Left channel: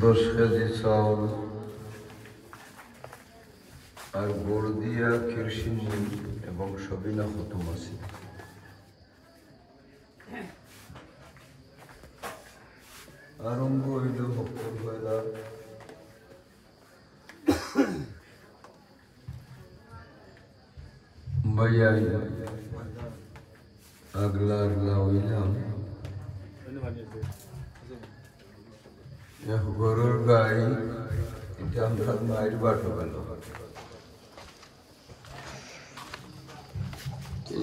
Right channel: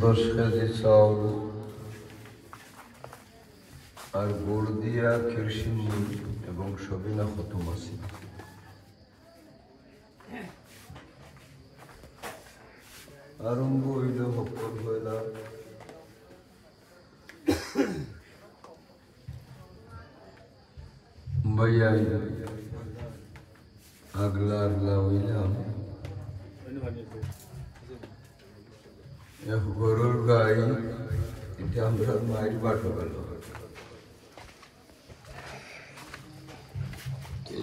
10 KG চাউল আর গুড় দিয়া কিরসিনি এবং সবিনা খতম আছে। আরম্ভ হইল ভক্তর বেলা ভাইয়াই আগলা আগলা হইলাম গরুর গাই এটা আমরা মায়ের বাটো গেল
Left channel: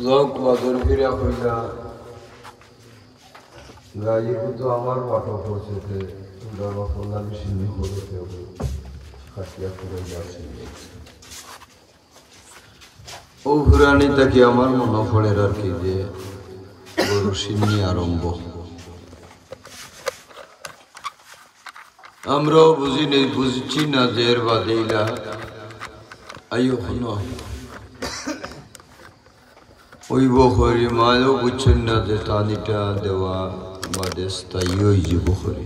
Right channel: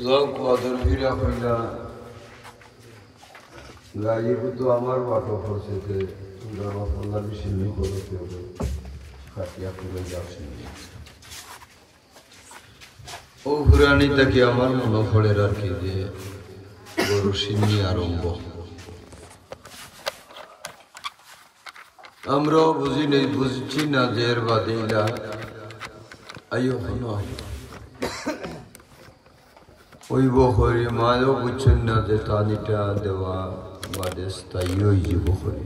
লোক বাদর ফিরা হইলা গাইয়ে তো আমার বাটো করছে সিন্নি করে কাটিয়া করে যাচ্ছে ও হুরানি তাকে আমার মনে পড়ে আর কি যে গরু সিন্নি আরম্ভ আমরাও বুঝছি না যে এর বাদেইলা আয়ু হন ওই বখরি মায়ও বুঝছেন না যে টানিটা দেওয়া বাদে স্থায়ী ওই যে বখরি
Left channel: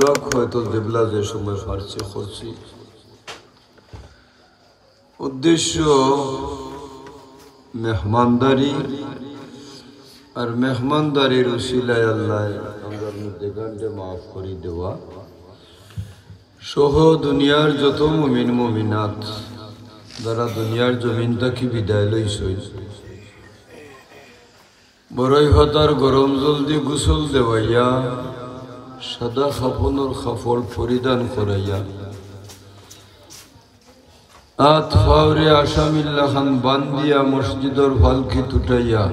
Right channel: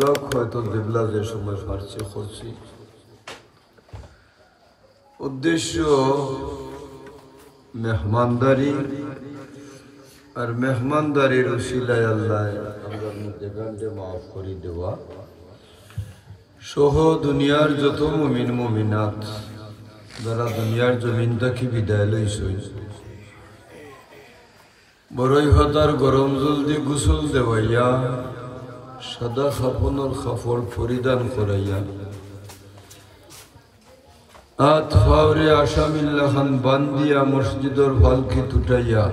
লোক হয়তো দেবলা যে সময় ফার্সি করছি উদ্দেশ্য মেহমানদারি আর মেহমানদারির উসিলায় আল্লাহ আমরা দেগানকে মাফ করে দেওয়া সহ দুনিয়ার যত মুমিন মুমিনাত যারা দুনিয়ার জমিন থেকে বিদায় লইছে বড়ই হতার গরম জল দিয়ে গোসল দেওয়াইয়া সাদা খাফনের খাফল পরিধান করাইয়া হাত ফাওরে আসামিল্লা খান বান্দিয়া মসজিদর ফালকি তুটাইয়া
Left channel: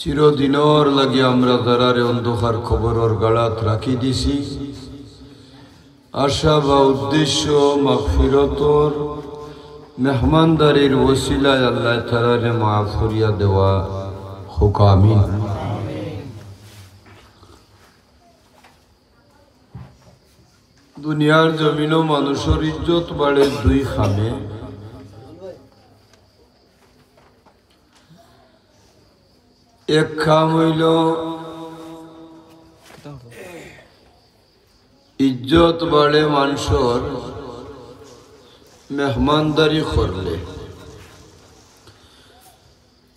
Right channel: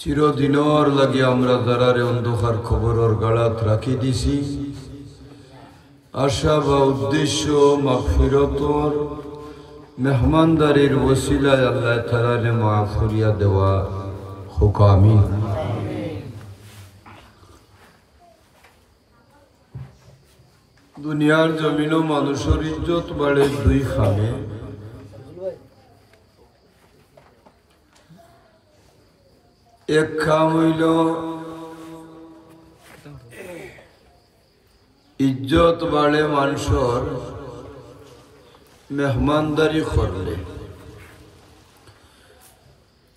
চিরদিনর লাগে আমরা যারারে অন্ধকার খবরের গাড়াত রাখি দিছি আশা বা উদ্দেশ্য মাগফিরতর মেহমানদারির ওসিলায় আল্লাহ তাআলারে মাফ করিয়া দেওয়া হোক আমিন। দুনিয়ার জমিনও মানুষের ইজ্জত বাড়ে দুই খানে এক খাম হইল ইজ্জত বাড়ে মানুষের মেহমানদারি করলে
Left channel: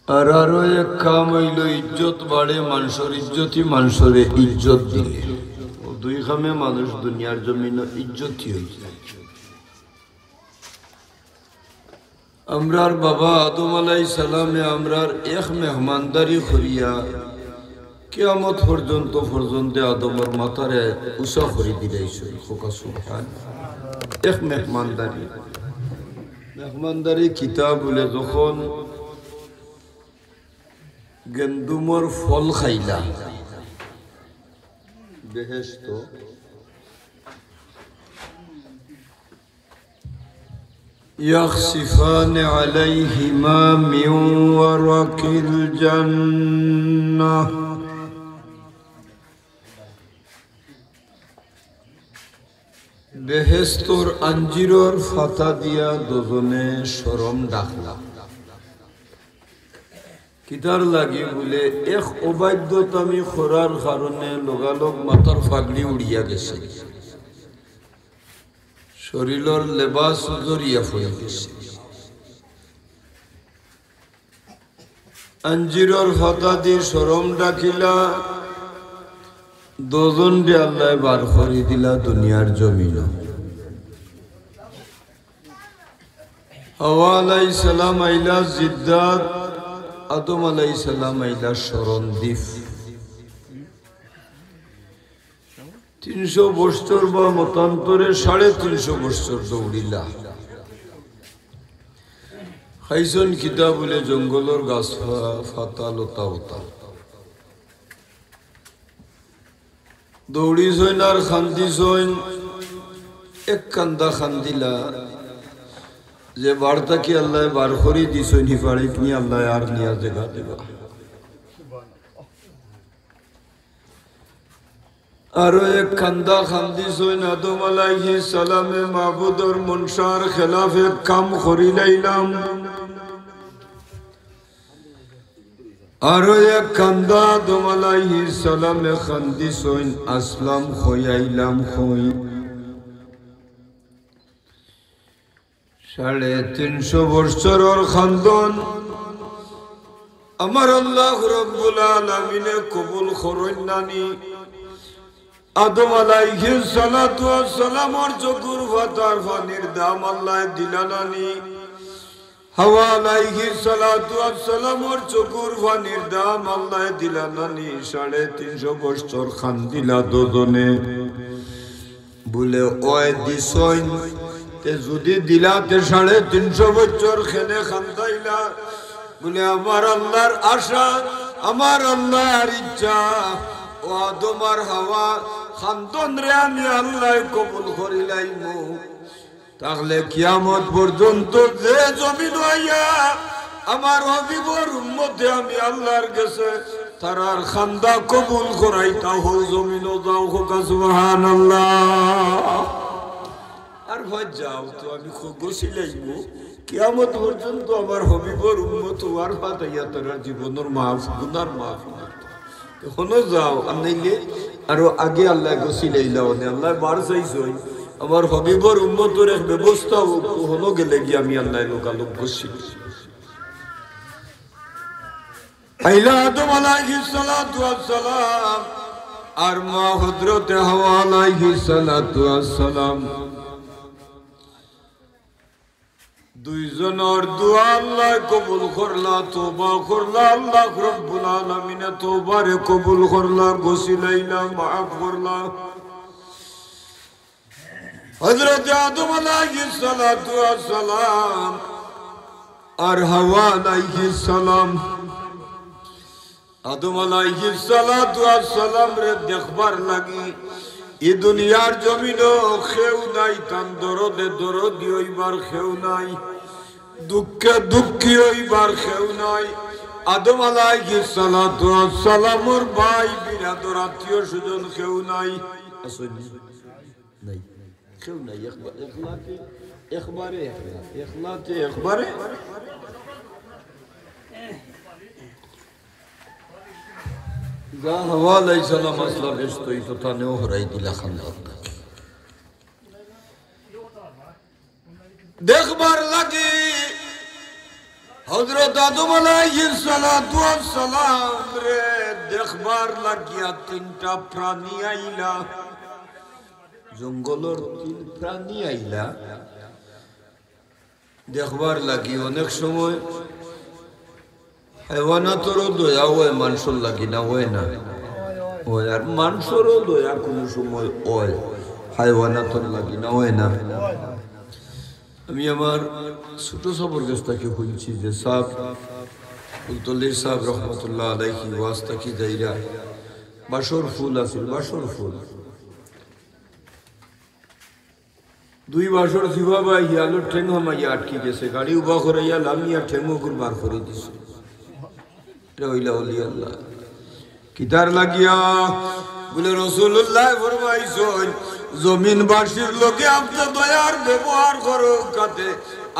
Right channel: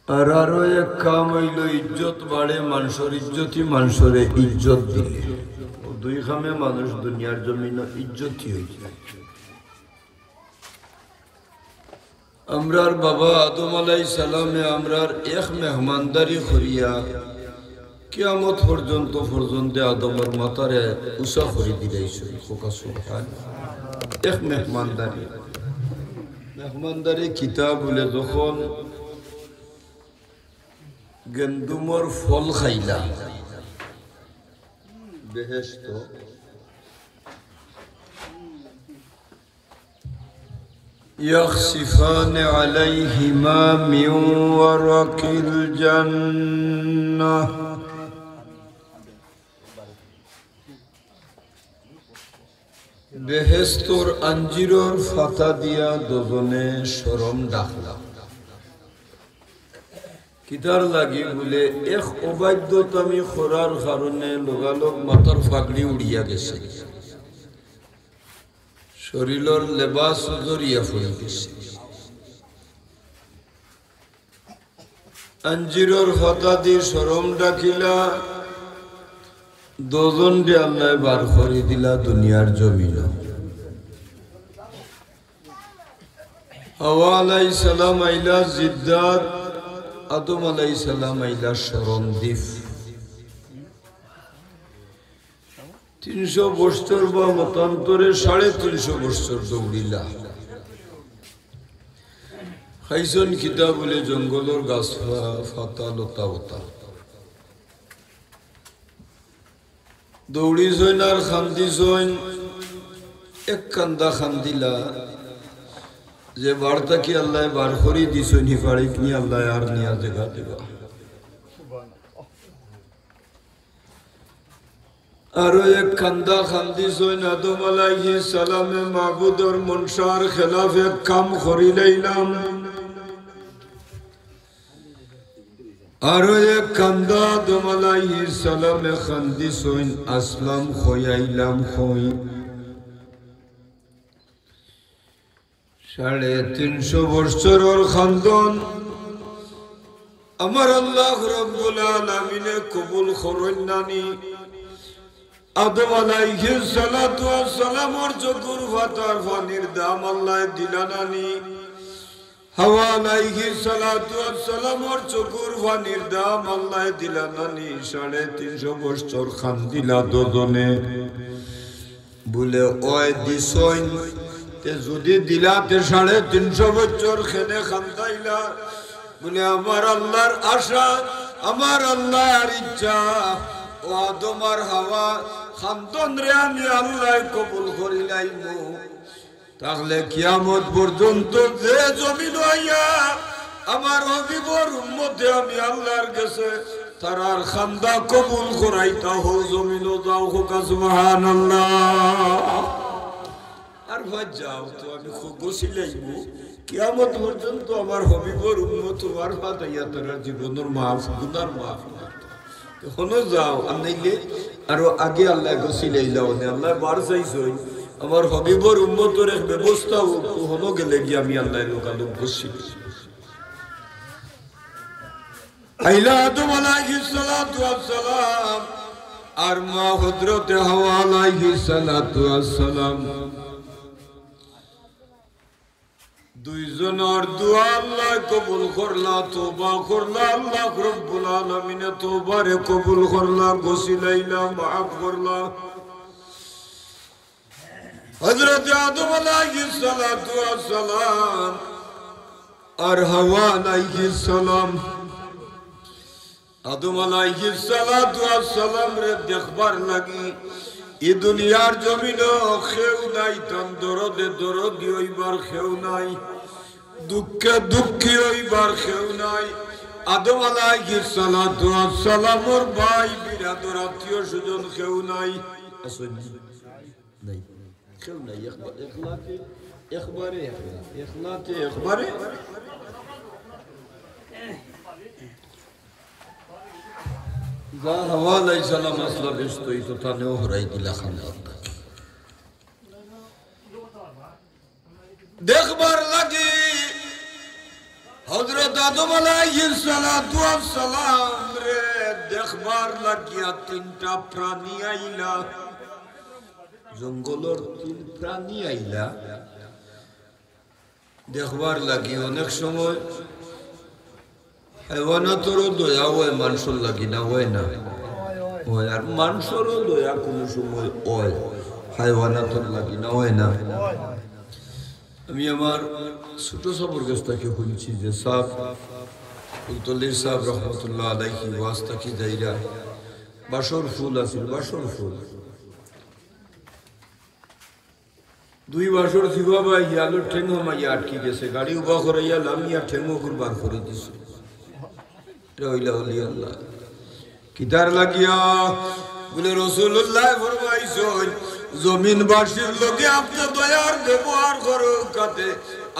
আর আরো এক কাম হইল ইজ্জত বাড়ে মানুষের ইজ্জতই মানুষের ইজ্জত দিলে দুই খামে মানুষ দুনিয়ার জমিন ইজ্জতই হয়েছে। আমরার বাবা আদম আলাইহিস সালামে আমরার এক মেহমানদারি করিয়া কিয়ামত পর্যন্ত আদমের মাথারে উঁচা করে দিলাইছে এক মেহমানদারি কিতাব বলে যখন গেন্দুমর ফল খাইলা বেহেশত يخسفان عليهما من ورق الجنة বেহেশতর আঞ্জিরর ফাতা দিয়া দুজনে শরম ডাকলা কিতার লাগি বলে এক অবাধ্যতামি খোরার কারণে লগালগ মাথার ফাগড়ি উড়িয়া গেছে শরীরের লেবাস জড়িয়া পড়ে গেছে আঞ্জিরর ফাতা দিয়ে শরম ডাকিলা দুজন দিয়ে আল্লাহ বার করে দিলা দুনিয়ার জমিন হাওয়া আলাইহিস সালাম আইলা জিদ্দাত আদম আলাইহিস সালাম আইলা শরণদ্বীপ 300 বছর বা মতান্তরে 350 বছর দৌড়িলা খাইছন কিতাব বলে জঙ্গলের গাছ ফাতা লতা উতা দৌড়িছইন আর খান্দিছইন এক কান্দা খান্দিলা যে বার্তা কি আল্লাহ বার করি দিছইন হিফাড়ি কি আল্লাহ আর নিয়া জায়গা দেবা আরো এক কান্দা খান্দিছইন আদম আলাইহিস সালামে মাবুদর মনসার খেলাফে কাম করি লাইলাম আরো এক কান্দা আদম আলাইহিস সালামে খান্দিসইন আসলাম খয়াইলাম খই 350 বছরের খান্দন আমার আল্লাহ রব্বুল আলামিনে কবুল করেন নানি আদম আলাইহিস সালাতু ওয়াস সালামর চকুর ফাটার পানির দাম আল্লাহ দিলানানি হাওয়া আলাইহিস সালাতু ওয়াস সালামর চকুর পানির দাম আল্লাহ দিলানানি 350 বছর খান্দিলা দুজনে বলে ওই দিছইন তে যদি দিলাতে 350 বছর খেলে খান্দাইলা বলে আমার আল্লাহর আশা আমার আল্লাহর ইচ্ছা ও আদম আর হাওয়া খান্দন রে আমি আল্লাহ কবুল করিলাইমু তাহলে কিয়ামত পর্যন্ত যে জমিন হইয়া আমার হাবিবর উম্মতে আমি আল্লাহর কাছে তারার খান্দা কবুল করাইতা হো জমিনও যাও হোক সুবহানাল্লাহ আর ভাই যাও তো আমি গছিলাইমু কিয়ামত পর্যন্ত আমার হাবিবর উম্মত আর ফাদাইয়া তারা জীবনের মাফ গুনার মাফ এখনো যাও আর নাইলে আরো আগে আল্লাহ গছিলাইলাও না আল্লাহ বার চাইছই আমার হাবিবর উম্মতের এক ব্যবস্থা হলো গেলে গিয়ে আমি আল্লাহ লোকালোক গছিল আইলা আদম আলাইহিস সালাতু ওয়াস সালাম আর মা হযরতে হাওয়া আলাইহিস সালাতু ওয়াস সালাম দুইজনের দোয়া আল্লাহ কবুল করলা তওবা করলা আল্লাহ রব্বুল আলামিন তওবারে কবুল করলা গছিলাইলা maaf করলা হযরত আদম আলাইহিস সালাতু ওয়াস সালাম আর হাওয়া আলাইহিস সালাম আদম আলাইহিস সালাতু ওয়াস সালাম রে দেখবার লাগি এই দুনিয়ার জমিনও কেউ নাই তান দরদে দরদি হইবার কেউ নাই দুঃখে দুঃখী হইবার কেউ নাই আদম আলাইহিস সালাতু ওয়াস সালামর ভাই বিরাদর আত্মীয় স্বজন কেউ নাই নাই কেউ নাই একবারে যা হাওয়া আলাইহিস সালাম আসলা ব্যস্ত হইতো তানেও হরাই দিলা খান্দান দেখবার লাগে হযরত আদম আলাইহিস সালাতু ওয়াস সালাম রে দেখবার লাগিয়া 3টা প্রাণী আইলা জঙ্গলের 3 প্রাণী আইলা দেখবার লাগি অনেক সময় হাইওয়ানাতরও দয়া হয় মানুষের লাগি না হয় না হয় আর মানুষেরও দয়া কোনো সময় হয় হাইওয়ানাতর লাগি না হয় না আমি আমার ছোট সবর গেস্তাকে শুনছি যে সাহেব ফুলতলির সাহেব রহমতুল্লাহ আলাইহি ওয়াস্তা কি যাইরা বাসর ফুল আছিল বাসর ফুল 2 বছর থিবা বা ইয়ালো ঠেং হামাইয়া আটকি গেছে গাড়ি উবা করাইয়া লামিয়া ঠেঙ্গো কুরবান করে দিছে রইলা ওলি আল্লাহ কিতার লাগিয়া বলে রাসূলুল্লাহ ফরমাইছেন জমিনবাসীর লোকে আপনি দয়ার ব্যবহার করো কাতে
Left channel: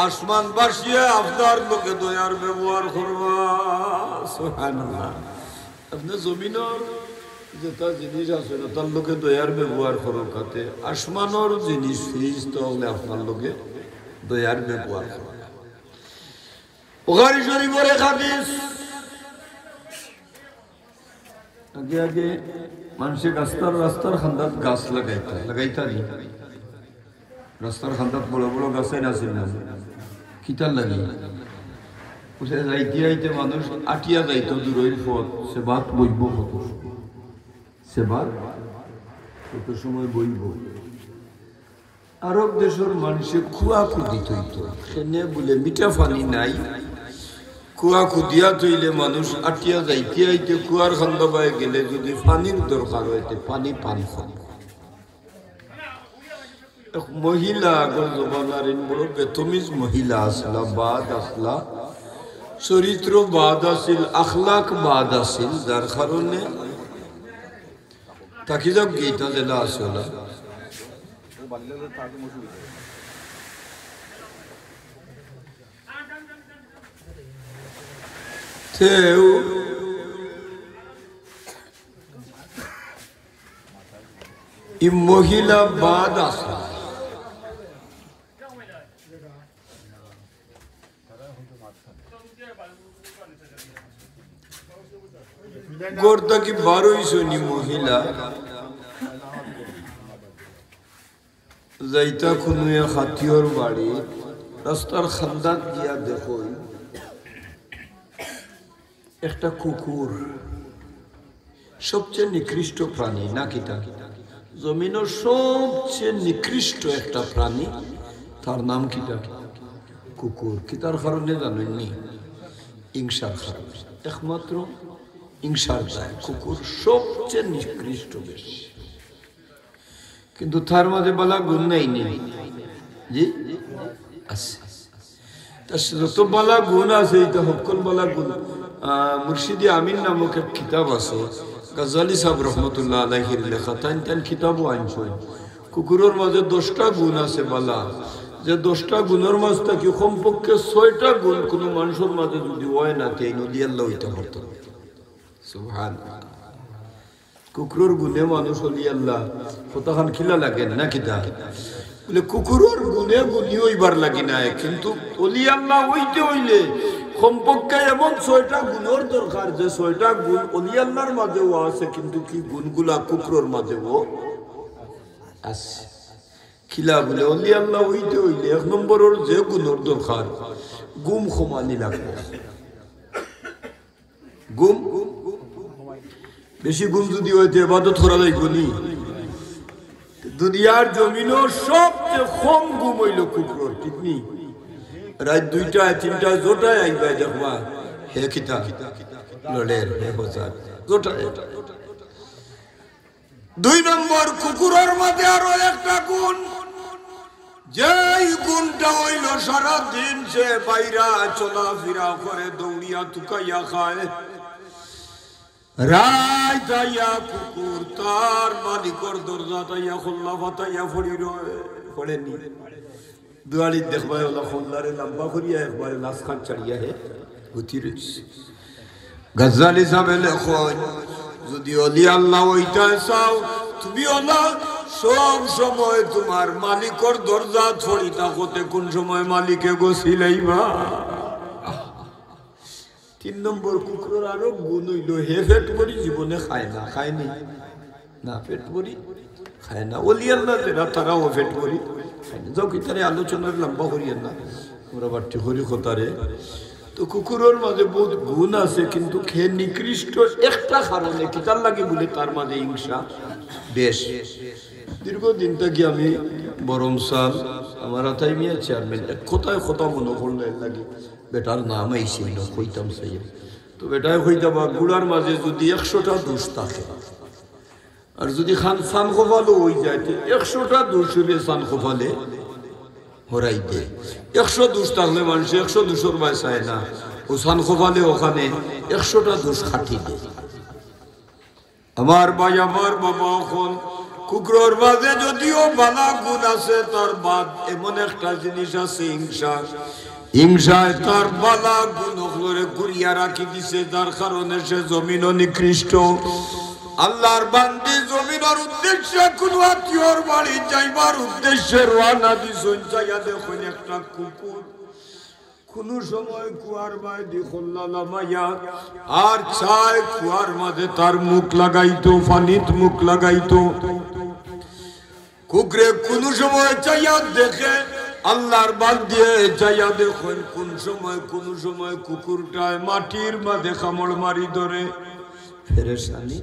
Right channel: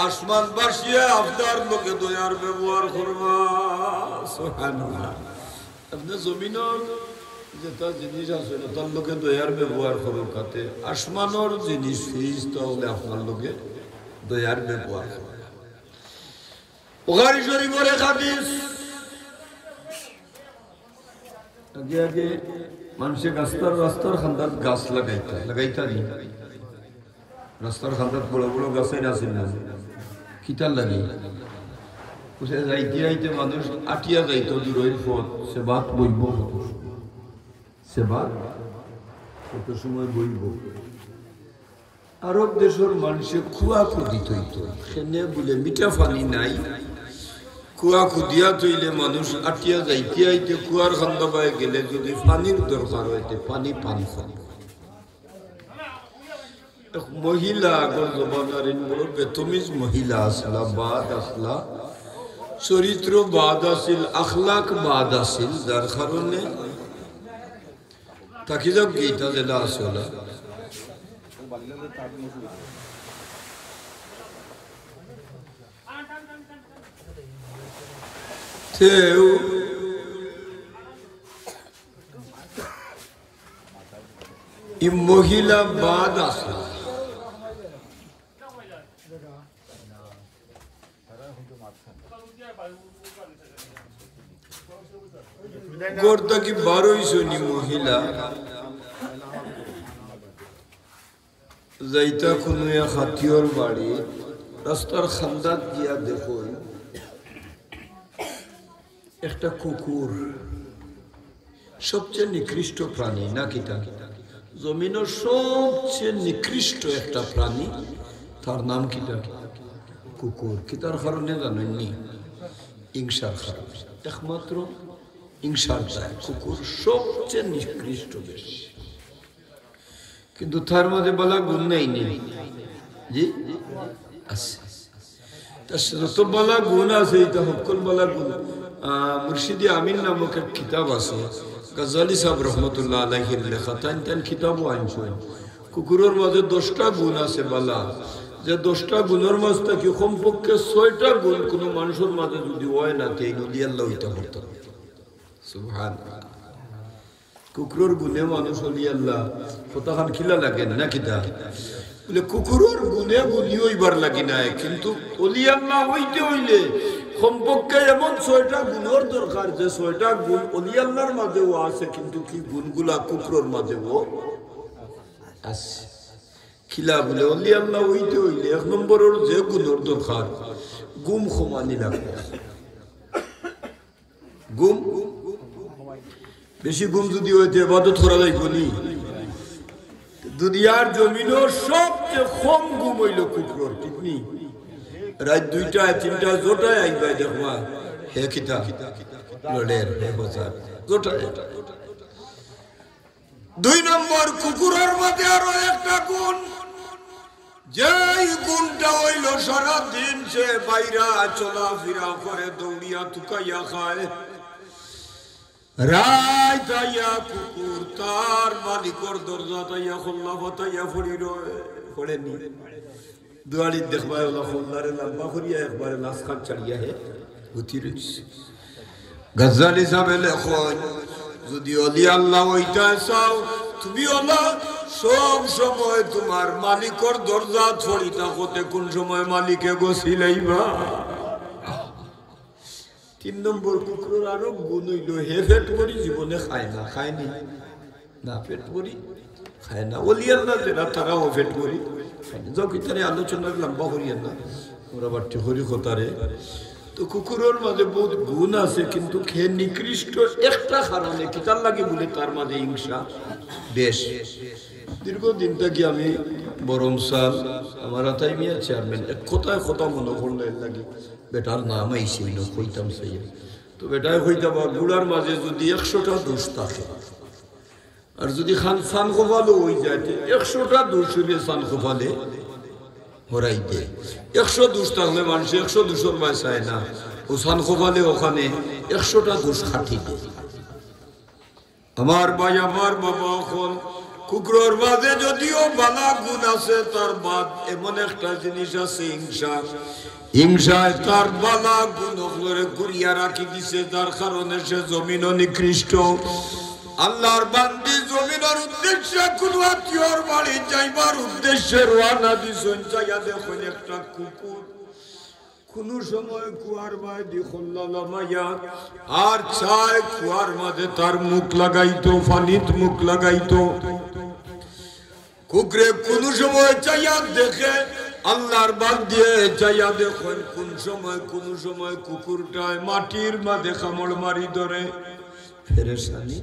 আসমানবাসী আপনার লোকে দয়ার ব্যবহার করবা সুবহানাল্লাহ আপনি জমিনের যেটা জিনিস আছে তার লোকে দয়ার ব্যবহার করো কাতে আসমানের জিনিস ফিরিস্তা হলে আপনার লোকে দয়ার ব্যবহার করো বুখারী শরীফের এক হাদিস আগে আগে মানুষের রাস্তার খান্দাত গাছ লাগাইতারি রাস্তার খান্দাত বড় বড় গাছাই নাছিল না কিতার লাগে উঠে যাইতে যাইতে মানুষ আটিয়া যাইতো দূরের পথ সে বাত বইব কত সময় বইব আরব দেশের মানুষে কুয়া খুদিত হইতো সেনে বলে মিঠা পানি নাই কুয়া খুদিয়া তৈলে মানুষ আটিয়া যাইতে আইতে কুয়ার খান্দ পায়ে গেলে যদি পানির দরকার হইতে পানি পান খান মহিলা আগর জমানার বড় বেতমিজ মহিলা আসলা বাদ আসলা চরিত্র বাদ আছিল আখলাক বাদ আছিল যার কারণে তাকি যাক গীতা জেলা আসলা ই মহিলা বাদ আছে গোরদা কি 1200 নি মহিলা যাইতা খুনিয়া খাতিওর বাড়ি রাস্তার খান্দাত দিয়া দেখো একটা কুকুর সবচেয়ে নিকৃষ্ট প্রাণী নাকি তা জমিনের সবচেয়ে নিকৃষ্ট একটা প্রাণী তার নাম কি তা কুকুর কি তার কারণে জানেননি হিংসার কারণে একমাত্র হিংসার দায় কুকুর সবচেয়ে নিকৃষ্ট বেশি কিন্তু তার মধ্যে বলা গুণ নাই জি আছে তার যত বলা গুণ আছে এটা সকল বলা গুণ মুর্শিদি আমিন নামক এক কিতাব আছে গাজ্জালি সাহেব রহমতুল্লাহ আলাইহির লেখা তান কিতাবও আনছেন কুকুরের মাঝে 10টা গুণ আছে বলা যে 10টা গুণের মাঝে থেকে কমপক্ষে 6টা গুণ কোনো মানুষের মাঝে যদি হয় না তাই নদী আল্লাহ হইতে পারত সুবহানাল্লাহ কুকুরের গুণে মানুষ হলি আল্লাহ কতখান খিলা লাগে না কিতা বলে কুকুরের গুণে গুণী হইবার লাগি নাই কিন্তু অলি আল্লাহ হইতে হইলে কমপক্ষে এমন 6টা গুণের দরকার যে 6টা গুণ অলি আল্লাহর মাঝেও আছে কিন্তু কি গুণগুলা কুকুরের মাঝেও আছে খিলা বলে অলি আল্লাহ হইতে হইলে 1 নম্বরের যে গুণের দরকার গুম ক্ষমানি লাগবে গুম বেশি গুম যদি হইতে ইবাদত করা যায় গুনি দুনিয়ার জমিনও সবচেয়ে কম গুম হইল কুকুর ঠিক নি রাত 2টা 3টা জোটায় আইবা দেখবা হে কিতা লড়ের হে বাজার জোটায় 2 নম্বর কুকুরের মধ্যে আরো একটা গুণ যেই গুণটা হইল সারা দিন সে বাইরা চলাফেরা করে দৌড়িয়া তুকাইয়া খায় রাই তাইয়া কুকুর তার মালিকর দরজা তাইয়া খোল্লা ফাতাইয়া ফড়েনি দুয়ারি দেখবা ওলা খোল্লারে লম্বা করিয়া একবারে লাশ খান চাড়িয়া হে উঠি রয়েছে গাজ্জালি সাহেব লেখন যদি অলি আল্লাহ ওইটা চাও তুমি ওলা সব সময় তোমার মালিকর দরজা ছড়ি থাকতে কোন সময় মালিকে গছিলাইবা 3 নম্বর কুকুরের আরো গুণ হইল হে পেট ভরি জীবনে খায় না খায়নি না পেট ভরি খায় না ওলি আল্লাহ যেটা তারাও পেট ভরি যাও কিতারে আলোচনার লম্বা করিয়েন না ওরা বাড়তে হরি কথারে তো কুকুরের মাঝে বহুত গুণ আছে কিন্তু খেয়ে নিকৃষ্ট একটা কারণে কিতার লাগে বলে তার মাঝে হিংসা বেশ দীর্ঘদিন থেকে আমি বরম সাল আমার আতাই মিয়া চেয়ারম্যান এক কোথায় কথা মনে করলে লাগে বেটার নাম আইছিল কইতাম সেই তো বেটায় কইতাম গুড়ার মাঝে যদি 100টা দোষ থাকে আর যদি খান সান খোফালো হয়ে যায় 100টা দোষ হলে সান খোফালে হরাই দে 100 দোষ থাকলে মানুষ 100 দোষের মায় চায় না ও সান খোফালে ওখানে 100টা দোষ খাটি দেয় আমার ভাই আমার বাবা এখন কুকুরের মাঝে যদিও বালা গুণ আছে তার বাদ এমন একটা জিনিস আছে হিংসা হিংসায় তার বালা গুণ করে ঘুরিয়া রাখি দিছে যার কারণে সে জমিন নিকৃষ্ট আল্লাহর বান্দি জমিনের উদ্দেশ্যে কোন আত্মীয়র বাড়ি যাইবার উদ্দেশ্যে রওনা দিছেন যাইয়া দেখুন একটা কুকুর কোন সময় কুয়ার বাইদি খোল্লা লামাইয়া আর চায় কুয়ার মাঝে তার মুখ লাগাইতো পানিত মুখ লাগাইতো কুকুরে কোন সময় চাইয়া দেখে আল্লাহর বান্দি চাইয়া দেখুন কোন সময় কুকুরটায় মাটির মাঝে কামড় মারি ধরে ফেরেশানি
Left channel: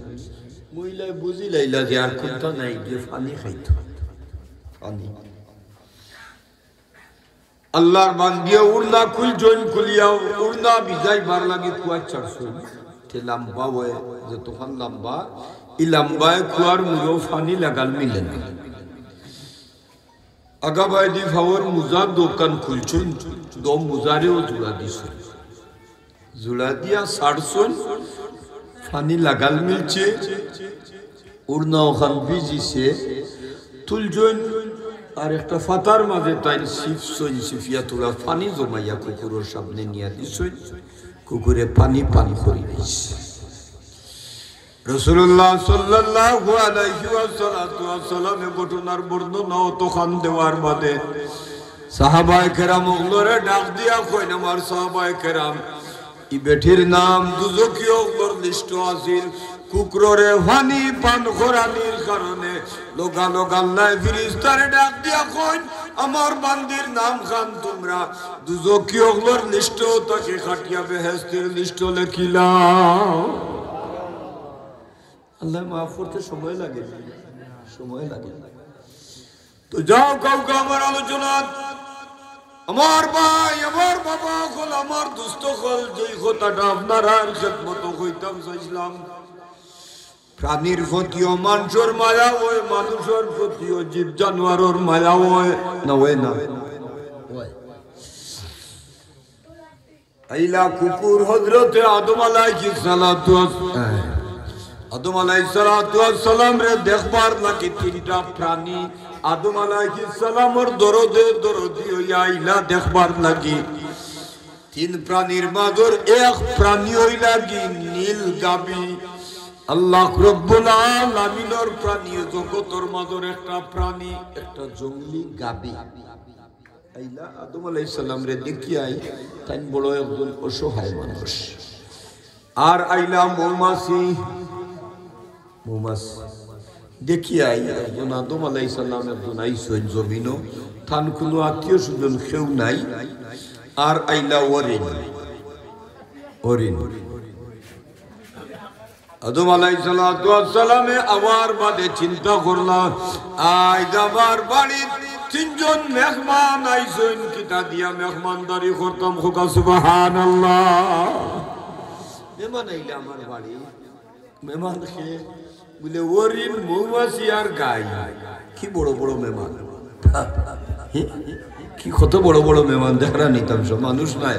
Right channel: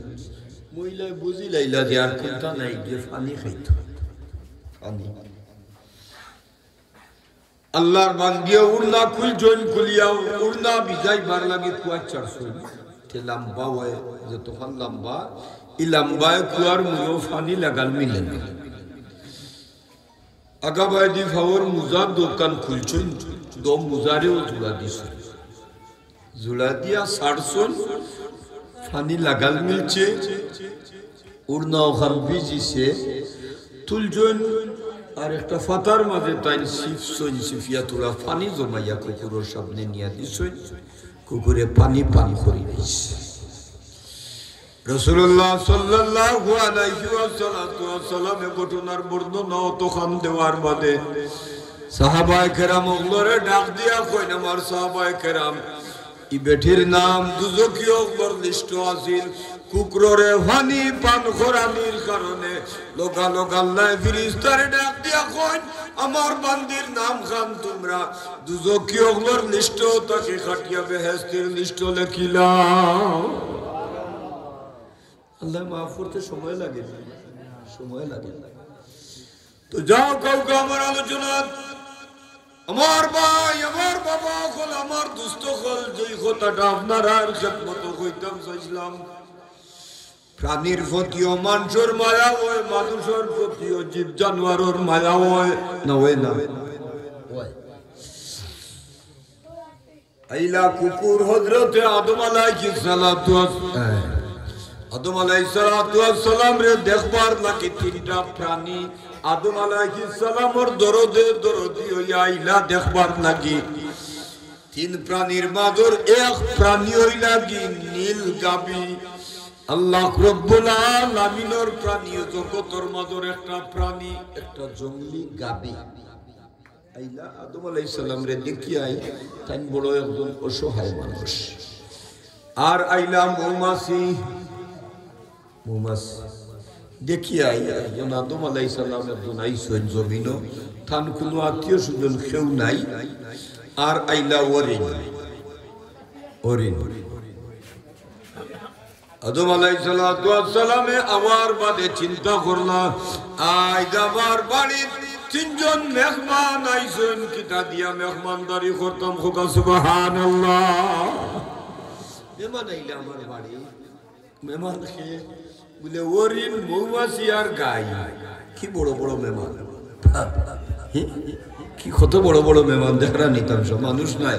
মহিলা বুঝি লাইলা যে আর কোনটা নাই যে পানি খাইতো পানি আল্লাহর বান্দিয়া উড়না খুলিয়া উড়না বিজাই বার লাগে কুয়ার চারশো তে লম্বা হয় যে তোফান লম্বা ই লম্বায় কুয়ার মুরো পানি লাগাল মিলে না আগা বাইদি ফাওয়ার মুজার দোকান খুলছেন দম মুজারেও জুড়া দিছে জুড়া দিয়া সারছন পানি লাগাল মিলছে উড়না ওখান ভিজিছে তুলজন আর একটা ফাতার মাঝে তাই সিফিয়া তোলা পানি জমাইয়া কুকুরের সামনে নিয়ে দিছ কুকুরে পানি পান করে দিছে রাসূলুল্লাহ সাল্লাল্লাহু আলাইহি ওয়াসাল্লাম ঘটনার বর্ণনা তখন দেওয়ার বাদে সাহাবায়ে কেরাম ওগুলোরে ডাক দিয়া কইন আমার সাহাবায়ে কেরাম ই বেঠির নাম দুজকিও ওর লিস্ট আছিল কুকুরে পানি পান করানির কারণে লোকা লোকা আল্লাহ ফেরেশতারে ডাক দিয়া কইন আমার বান্দির নাম খান তোমরা দুজকিও ওর লিস্ট তাকে খাটিয়া বেহেশতের লিস্ট লিখিলাম। আল্লাহ মাফ করতে সময় লাগে তো যাও কাউকে আমার আলোচনা আমার ভাই আমার বাবা হল আমার দুস্থ হল যেই কথাটা আপনারা খেদমত কইতাম চাইছিলাম প্রাণীর প্রতিও মানুষের মায়া হয় মানুষের প্রতিও জীব জানোয়ারের মায়া হয় না হয় না আইলা কুকুর হযরতে আদম আলাইহিস সালাম রে দেখবার লাগি তিনটা প্রাণী আদম আলাইহিস সালামর দরদি হইয়া আইলা দেখবার লাগি তিন প্রাণীর মাঝর এক প্রাণী হইলা কি নীল গাবি আল্লাহ রব্বুল আলামিনের প্রাণী জগতের মাঝর একটা প্রাণী একটা জঙ্গলি গাবি আইলা আদম আলাইহিস সালাম রে দেখিয়াই তাই বড় একজন অসহায় মানুষ আর আইলা মৌমাছি দেখিয়া একজন আদম আলাইহিস সালাম একজন আইসেন জমিন থান কোনো আত্মীয় স্বজন কেউ নাই আর আইলা হরিণ আদম আলাইহিস সালামে আবার বাদে চিন্তা করলাম আজ আমার বাড়ির তিনজন মেহমান আইসেন কিতা দিয়া মেহমানদারি করতাম খোকা সুবহানাল্লাহ মেহমান আইলা আমার বাড়ি মেহমান খেয়ে বলে হরিণ মৌমাছি আর গাই কি বড় বড় মেহমান কি কত বড় বড় মেহমান দেখা নিতাম সব মানুষ নাই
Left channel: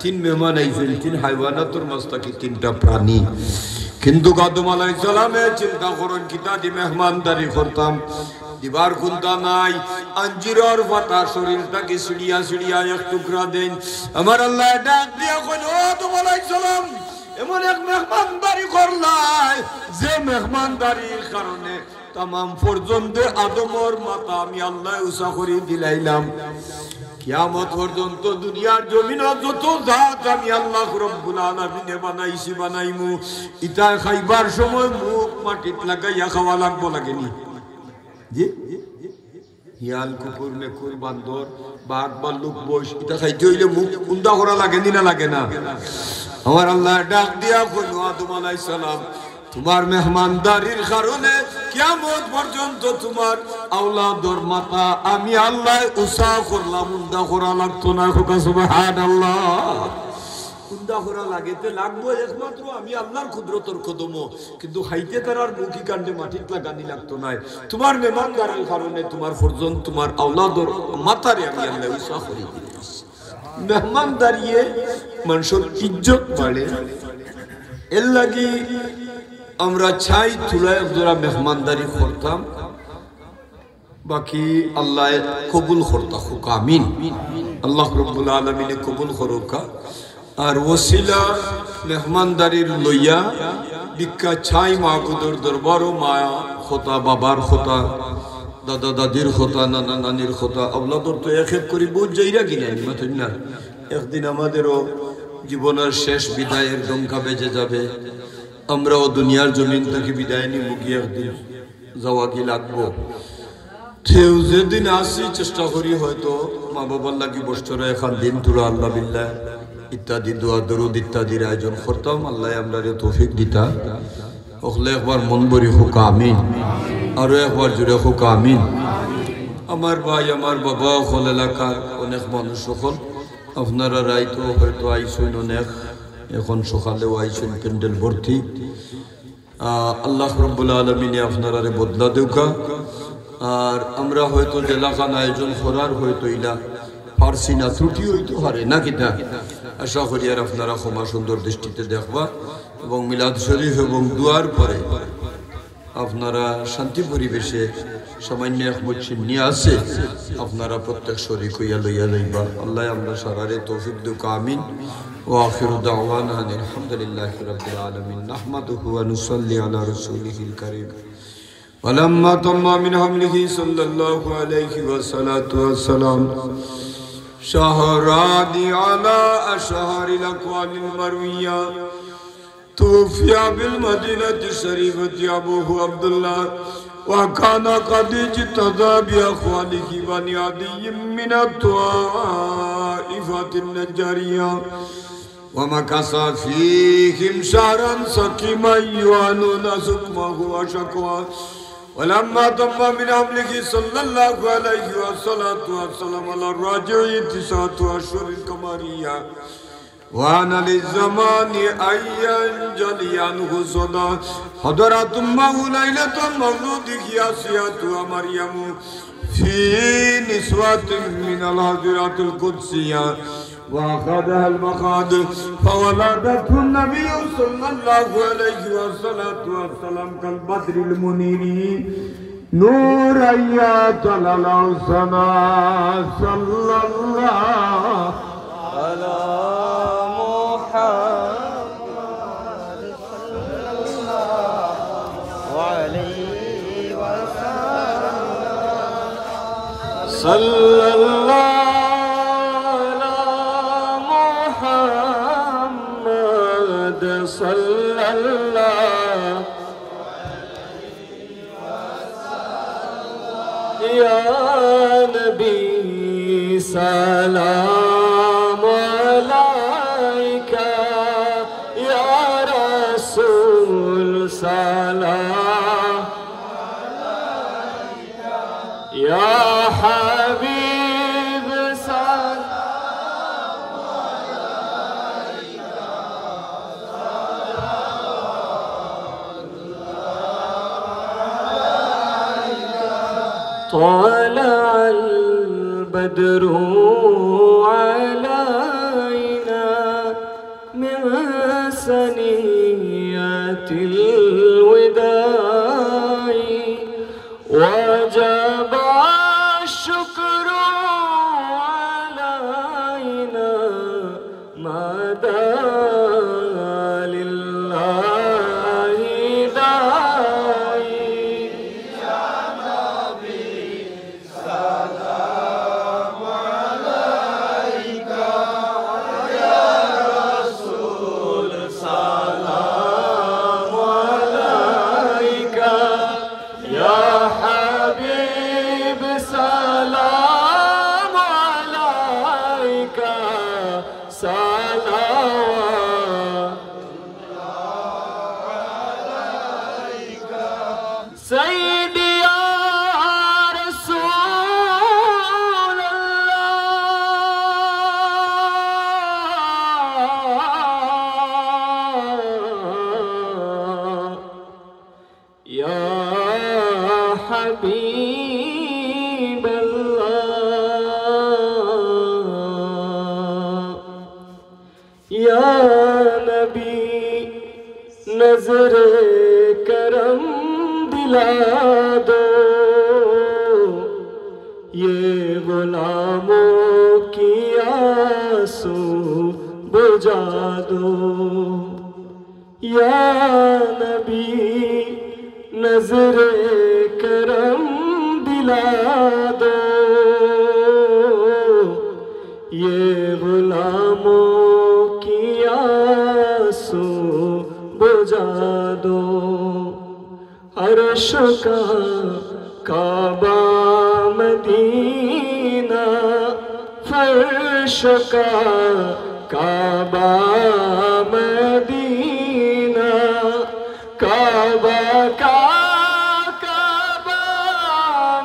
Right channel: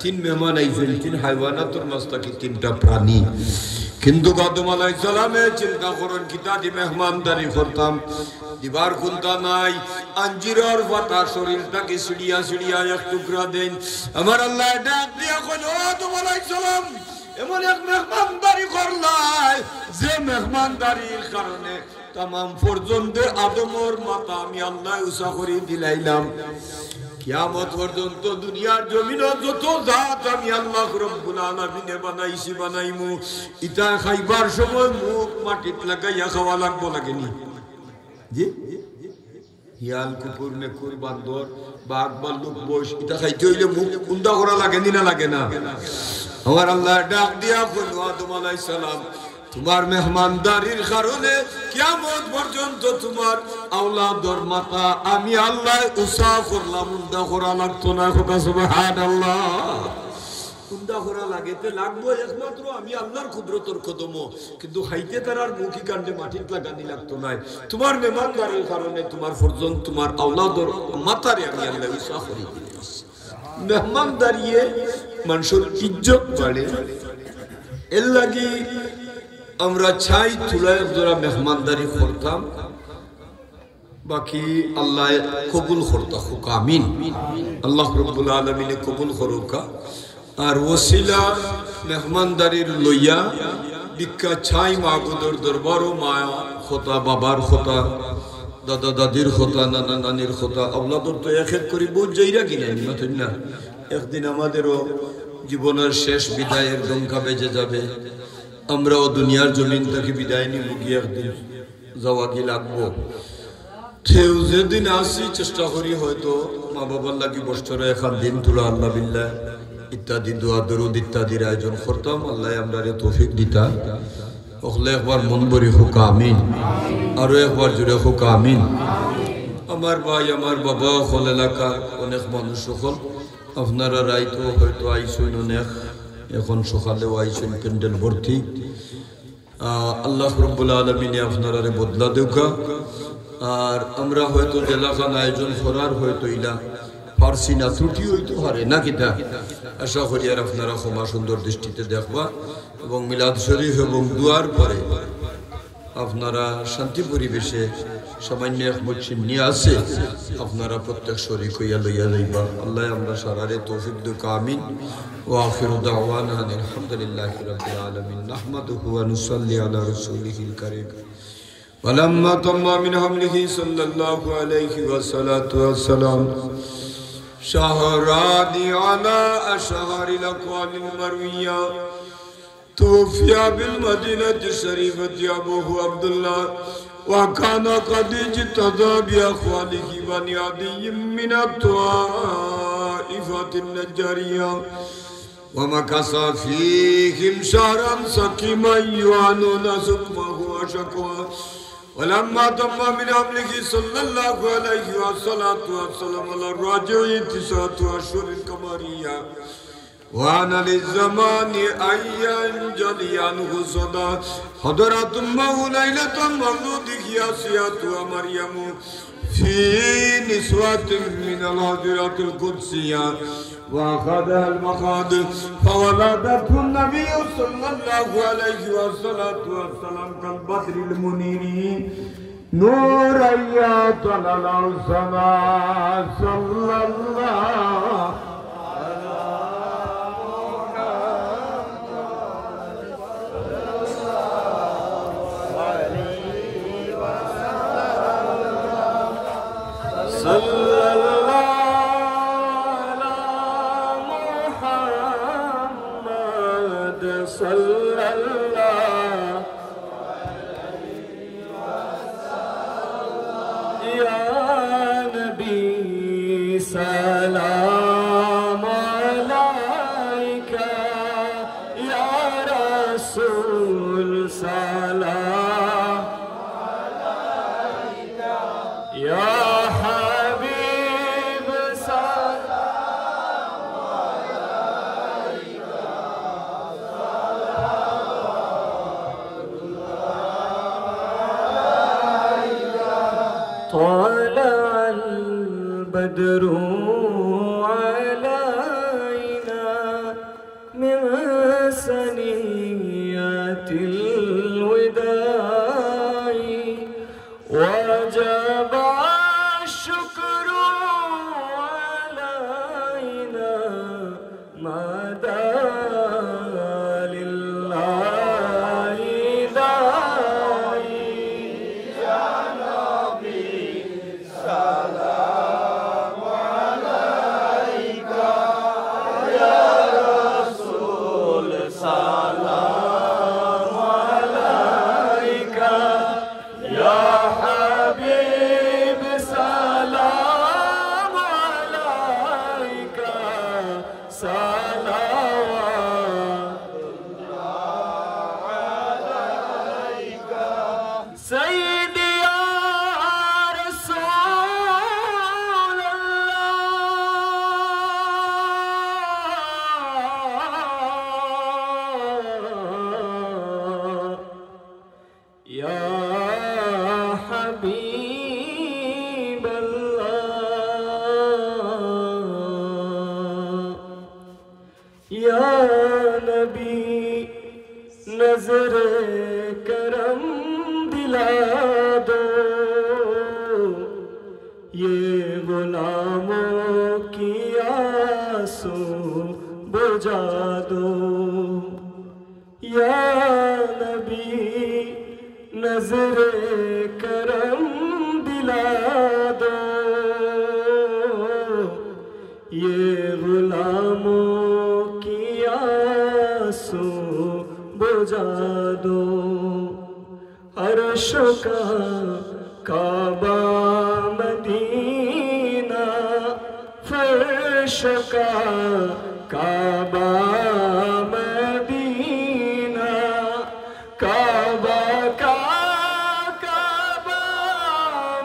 তিন মেহমান আইসেন তিন হাইওয়ানাতর মাঝে তিনটা প্রাণী কিন্তু আদম আলাইহিস সালামে চিন্তা করেন কিতা দি মেহমানদারি করতাম দিবার খুলতা নাই আঞ্জিরর পাতা শরীরটাকে সিড়িয়া সিড়িয়া এক টুকরা দেন আমার আল্লাহ ডাক দিয়া কইল আদম আলাইহিস সালাম এমন এক মেহমানদারি করলাই যে মেহমানদারির কারণে तमाम পর্যন্ত আদমর মাথা আমি আল্লাহ উসা করে দিলাইলাম কিয়ামত পর্যন্ত দুনিয়ার জমিনে যত জাত আমি আল্লাহ রব্বুল আলামিন বানাইছি বানাইমু ইটা খাইবার সময় মুখ মাটিত লাগাইয়া খাওয়া লাগবো লাগেনি জি হিয়াল কুকুর মেকুর বান্দর বাঘ ভাল্লুক বস ইটা খাইতে হইলে মুখ উন্দা করা লাগেনি না লাগে না আমার আল্লাহ ডাক দিয়া কইল আদম আলাইহিস সালাম তোমার মেহমানদারির কারণে কিয়ামত পর্যন্ত তোমার আওলাদর মাথা আমি আল্লাহ উসা করলাম উন্দা করা লাগতো না সুবহানাল্লাহ উন্দা করা লাগেতে লাগবো একমাত্র আমি আল্লাহর কুদরতের কদম কিন্তু হাইতে তারার মুখি কাণ্ডে মাটিত লাগানি লাগতো না তোমার মেহমানদারির কারণে তোমার পর্যন্ত তোমার আওলাদর মাথারে আমি আল্লাহ উসা করে দিয়েছি মেহমানদারিয়ে মানুষের ইজ্জত বাড়ে এর লাগি আমরা চাই তুলায় যারা মেহমানদারি করতাম বাকি আল্লাহ কবুল করতা হোক আমিন আল্লাহ রব্বুল আলামিন কবুল করুকা আর ওসিলা মেহমানদারির লইয়া ভিক্ষা চাই মাহবুদর দরবারও মায়া খোতা বাবার খোতা দাদা দাদির খোতা নানা নানির খোতা আওলাদর তো এক এক করে বহুত জায়গা কিনে না একদিন আমাদেরও জীবনের শেষ বিদায়ের ডঙ্কা বেজে যাবে আমরাও দুনিয়ার জমিন থেকে বিদায় নিব গিয়ে একদিন যাওয়া কি লাগবো যেদিন আসি চেষ্টা করি হয়তো মা বাবার লাগি বছরে এখন দিন তুলা আল্লাহ বিল্লাহ ইত্যাদি দোয়া দরুদ ইত্যাদির আয়োজন করতাম আল্লাহ আমরা তৌফিক দিতা ওখলে একবার মন ভরি হোক আমিন আরো একবার জুড়ে হোক আমিন আমার ভাই আমার বাবা হল এলাকার অনেক মানুষ সকল আপনারা রাইতো হয়তো আইসুন অনেক এখন সকালেও আইসেন ক্যান্ডেল ভর্তি আল্লাহ রব্বুল আলামিনে আপনারা বদলা দেউকা আর আমরা হয়তো জেলাখান আয়োজন করার হয়তো ইলা পারছি না ত্রুটি হইতে পারে না কিনা আশা করি আর আপনারা ক্ষমা সুন্দর দৃষ্টিতে দেখবা এবং মিলাদ শরীফ এবং দুয়ার পরে আপনারা শান্তি পরিবেশে সামান্য এক মসজিদ নিয়ে আসে আপনারা প্রত্যেক শরীক হইয়া লইয়া যাইবা আল্লাহ আমরা সারারে তৌফিক দুকা আমিন وآخر دعوانا أن الحمد لله رب العالمين نحمده ونصلي على رسوله الكريم ولما تم من حمله صلى الله عليه والسلام شهراني على أشهر الأقوال المروية توفي بالمدينة الشريفة أبوه عبد الله وكان قد اجتدى بأخواله بني عدي من الطائفة النجارية ومكث فيهم شهرا سقيما يعانون سقمه وشكواه ولما تم من حمله صلى الله عليه وسلم على الراجع 9 أشهر قمرية وأن للزمان أن ينجلي عنه صدى حضرت أمه ليلة مولوده آسيا ومريم في نسوة من الحضرات القدسية وأخذها المخاض فولدته النبي صلى الله عليه وسلم كالبدر المنير نورا يطلع السماء صلى الله على صلى الله على محمد صلى الله يا نبي سلام عليك يا رسول سلام عليك يا حبيب سلام عليك طلع البدر علينا من ثنيات الوداع وجب الشكر علينا مدى لله داعي يا نبي سلام عليك يا رسول سلام عليك يا حبيب سلام عليك صلوات عليك سيدي يا رسول الله يا حبيب الله يا نبी नजर करम दिला दो ये गुलामों की आंसू बुझा दो या नबी नजर करम दिला दो ये गुलामों की आंसू बुझा दो अर्श का काबा मदीना फर्श का काबा मदीना काबा का काबा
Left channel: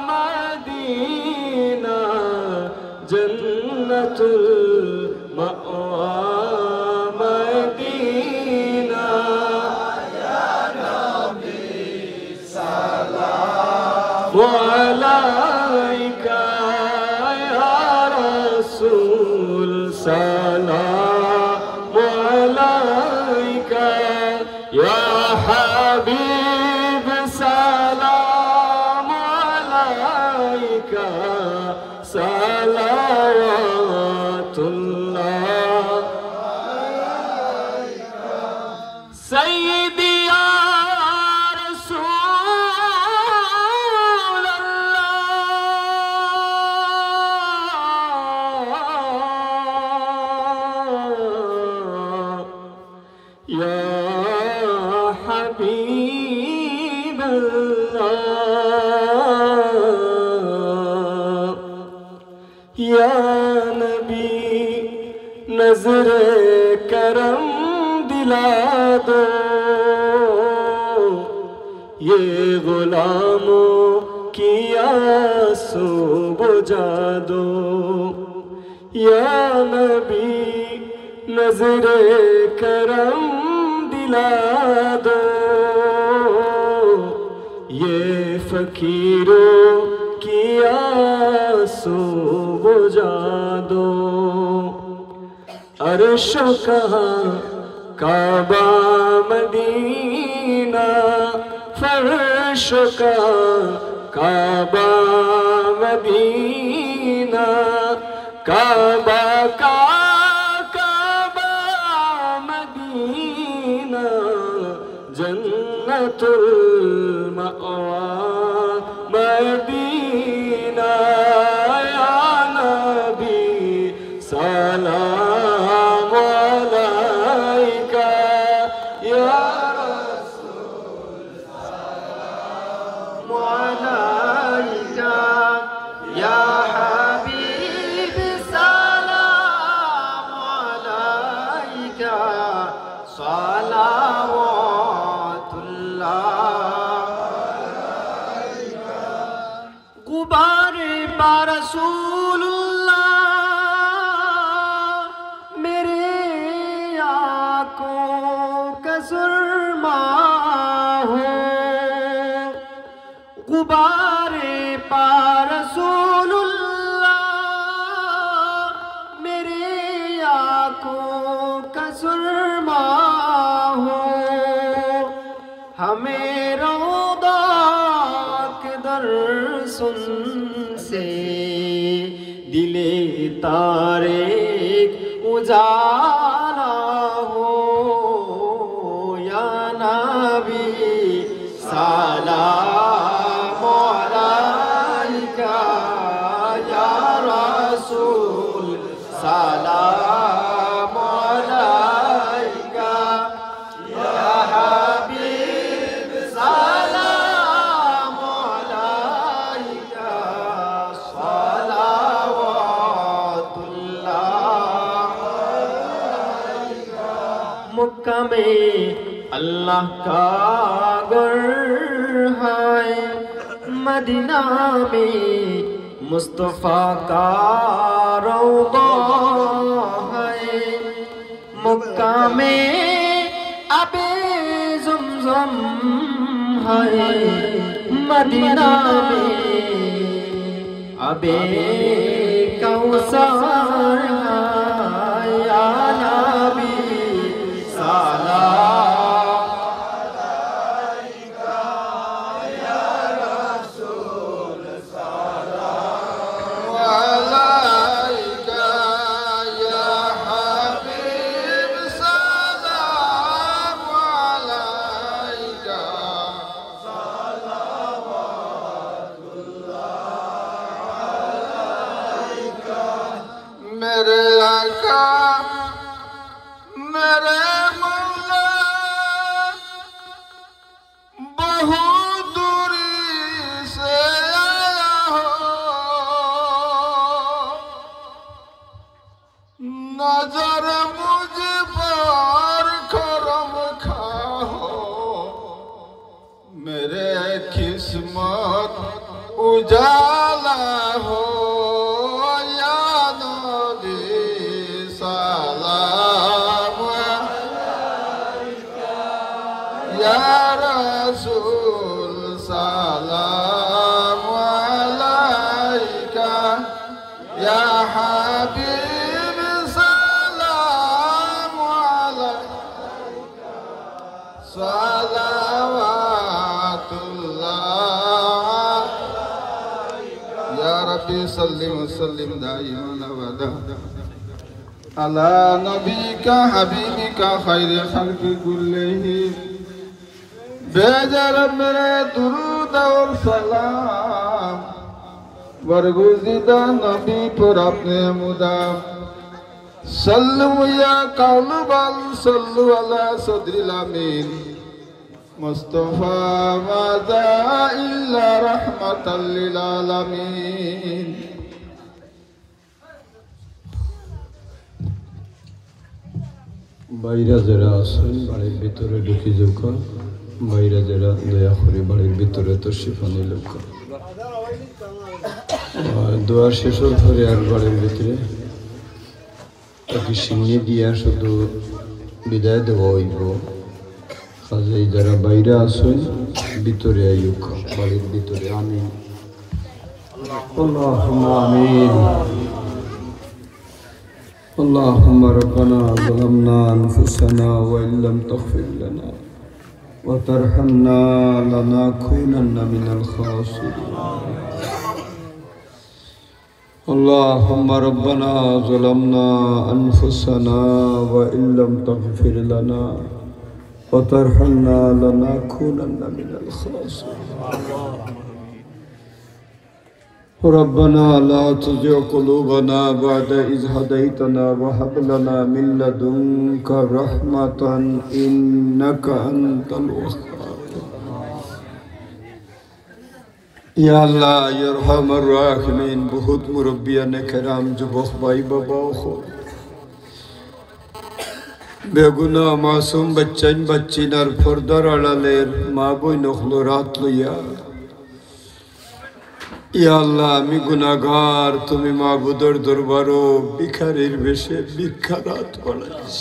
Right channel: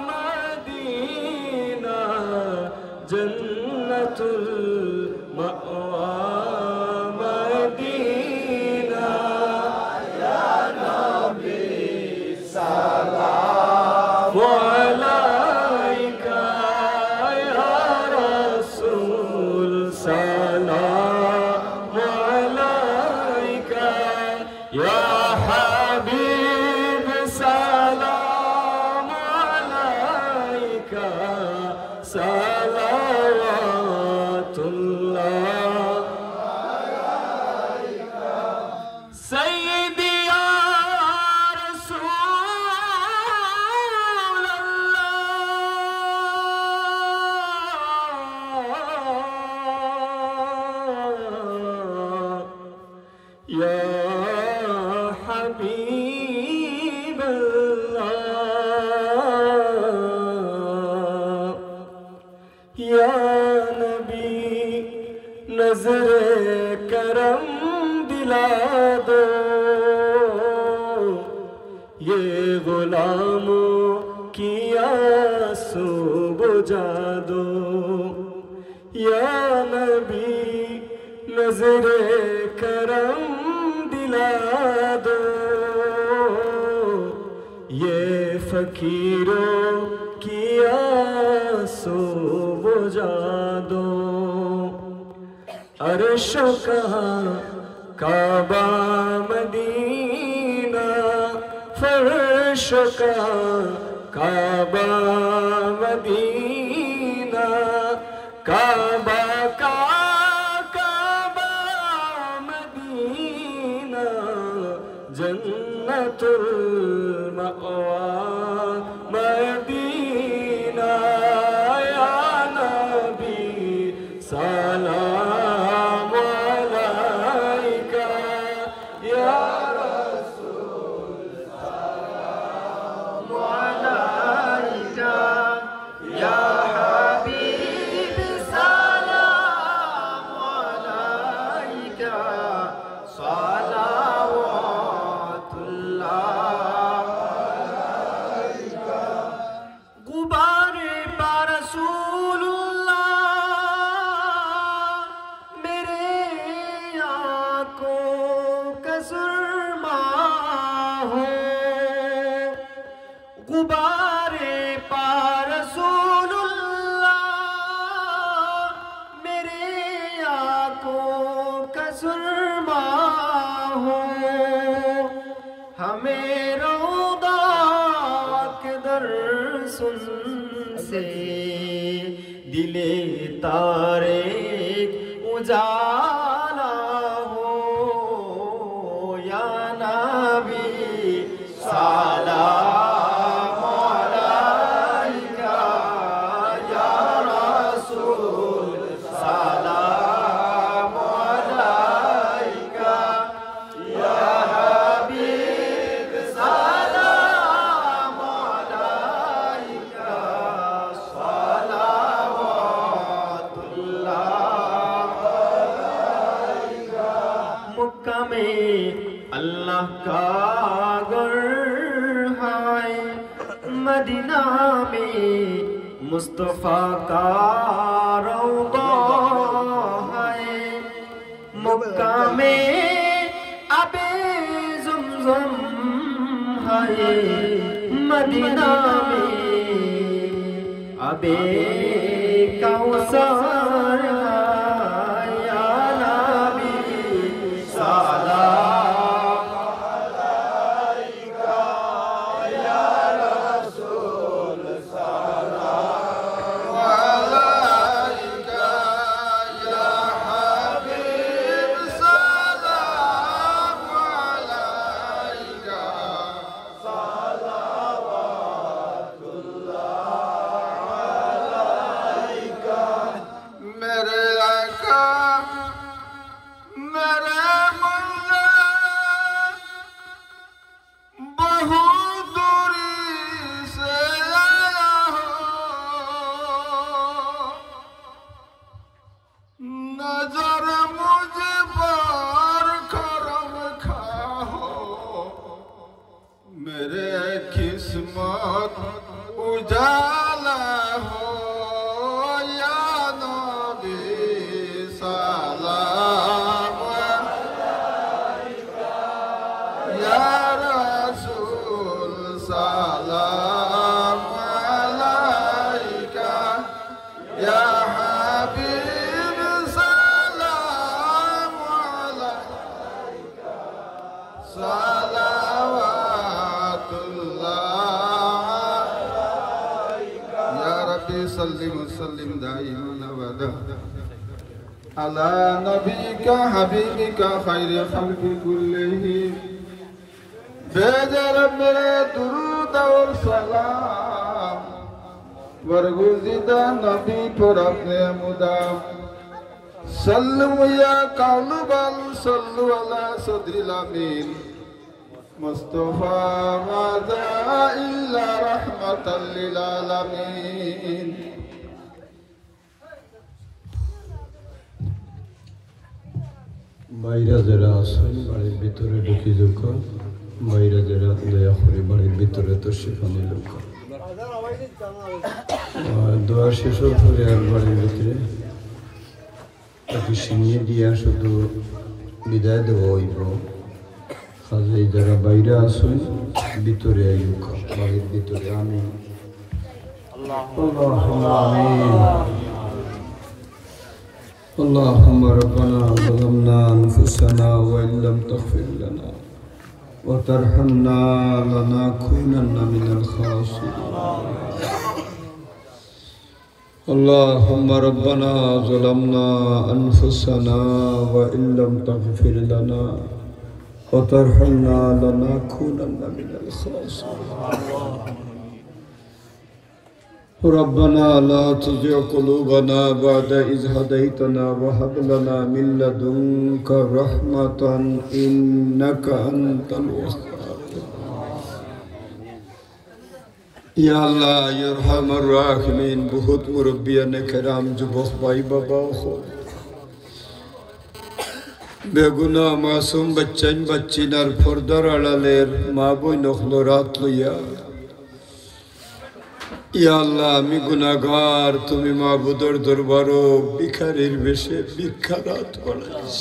मदीना जन्नतुल मअवा मदीना या नबी सलाम अलैका या रसूल सलाम अलैका या हबीब सलाम अलैका सलावतुल्लाह ये गुलामों की आंसू बुझा दो या नबी नजरे करम दिला दो ये फकीरों की आंसू बुझा दो अर्श कहाँ काबा मदीना फर्श कहाँ काबा मदीना काबा का काबा मदीना जन्नतुल मअवा मदीना या नबी सलाम अलैका या रसूल सलाम अलैका या हबीब सलाम अलैका गुबारे पा रसूलुल्लाह मेरे आँखों का सुरमा हो गुबारे पा रसूलुल्लाह मेरे आँखों का सुरमा हो हमें रौदा के दर्शन से दिले तारे उजाला हो या नबी सलाम अलैका या रसूल सलाम अलैका या हबीब सलाम अलैका सलावतुल्लाह मक्का में अल्लाह का घर है मदीना में मुस्तफा का रौदा है मक्का में अबे ज़ुमज़ुम है मदीना में अबे कौसर है या नबी सलाम अलैका या रसूल सलाम अलैका या हबीब सलाम अलैका मेरे आका मेरे मौला बहुत दूरी से आया हो नजर मुझ पर करम खाओ मेरे किस्मत उजाला हो या नबी सलाम अलैका या रसूल सलाम अलैका या हबीब सलाम अलैका सलावतुल्लाह या रब्बी सल्लिम वसल्लिम दाइमन अबदा अला नबीका हबीबिका खैर खल्क़ि कुल्लिही भेजा रब मेरे दुरूद और सलाम बरगुज़िदा नबी पर अपने मुदाम सल्लु या कौल बल सल्लु अला सदरिल अमीन मुस्तफा मादा इल्ला रहमतल लिल आलमीन বাইরা যারা আছেন বাড়ির ভিতরে ঢুকে যখন বাইরে যারা দয়া করে বাড়ির ভিতরে তো শিফানি লোক দোয়া শেষ হওয়ার পরে আর বাড়ির ভিতরে তাকে সিংহে দিয়া শুধু বিদায় দেওয়া হইব। কাজে যারা বাইরে আসুন ভিতরে আইক বাড়ির ভিতরে। আমিন আল্লাহুম্মা আমিন। اللهم ربنا ظلمنا أنفسنا وإن لم تغفر لنا وترحمنا لنكونن من الخاسرين. اللهم ربنا ظلمنا أنفسنا وإن لم تغفر لنا وترحمنا لنكونن من الخاسرين. ربنا لا تزغ قلوبنا بعد إذ هديتنا وهب لنا من لدنك رحمة إنك أنت الوهاب. يا الله يا أرحم الراحمين बहुत मुरब्बियान کرام যুবক ভাই বাবা বেগুনা মাসুম বাচ্চাইন বাচ্চিনার পর্দার আড়ালের মা বই নখলরাত লইয়া ইয়া আল্লাহ আমি গুনাহগার, তুমি মাবুদের দরবারও ভিখারির বেশে ভিক্ষারাত পড়াইছ।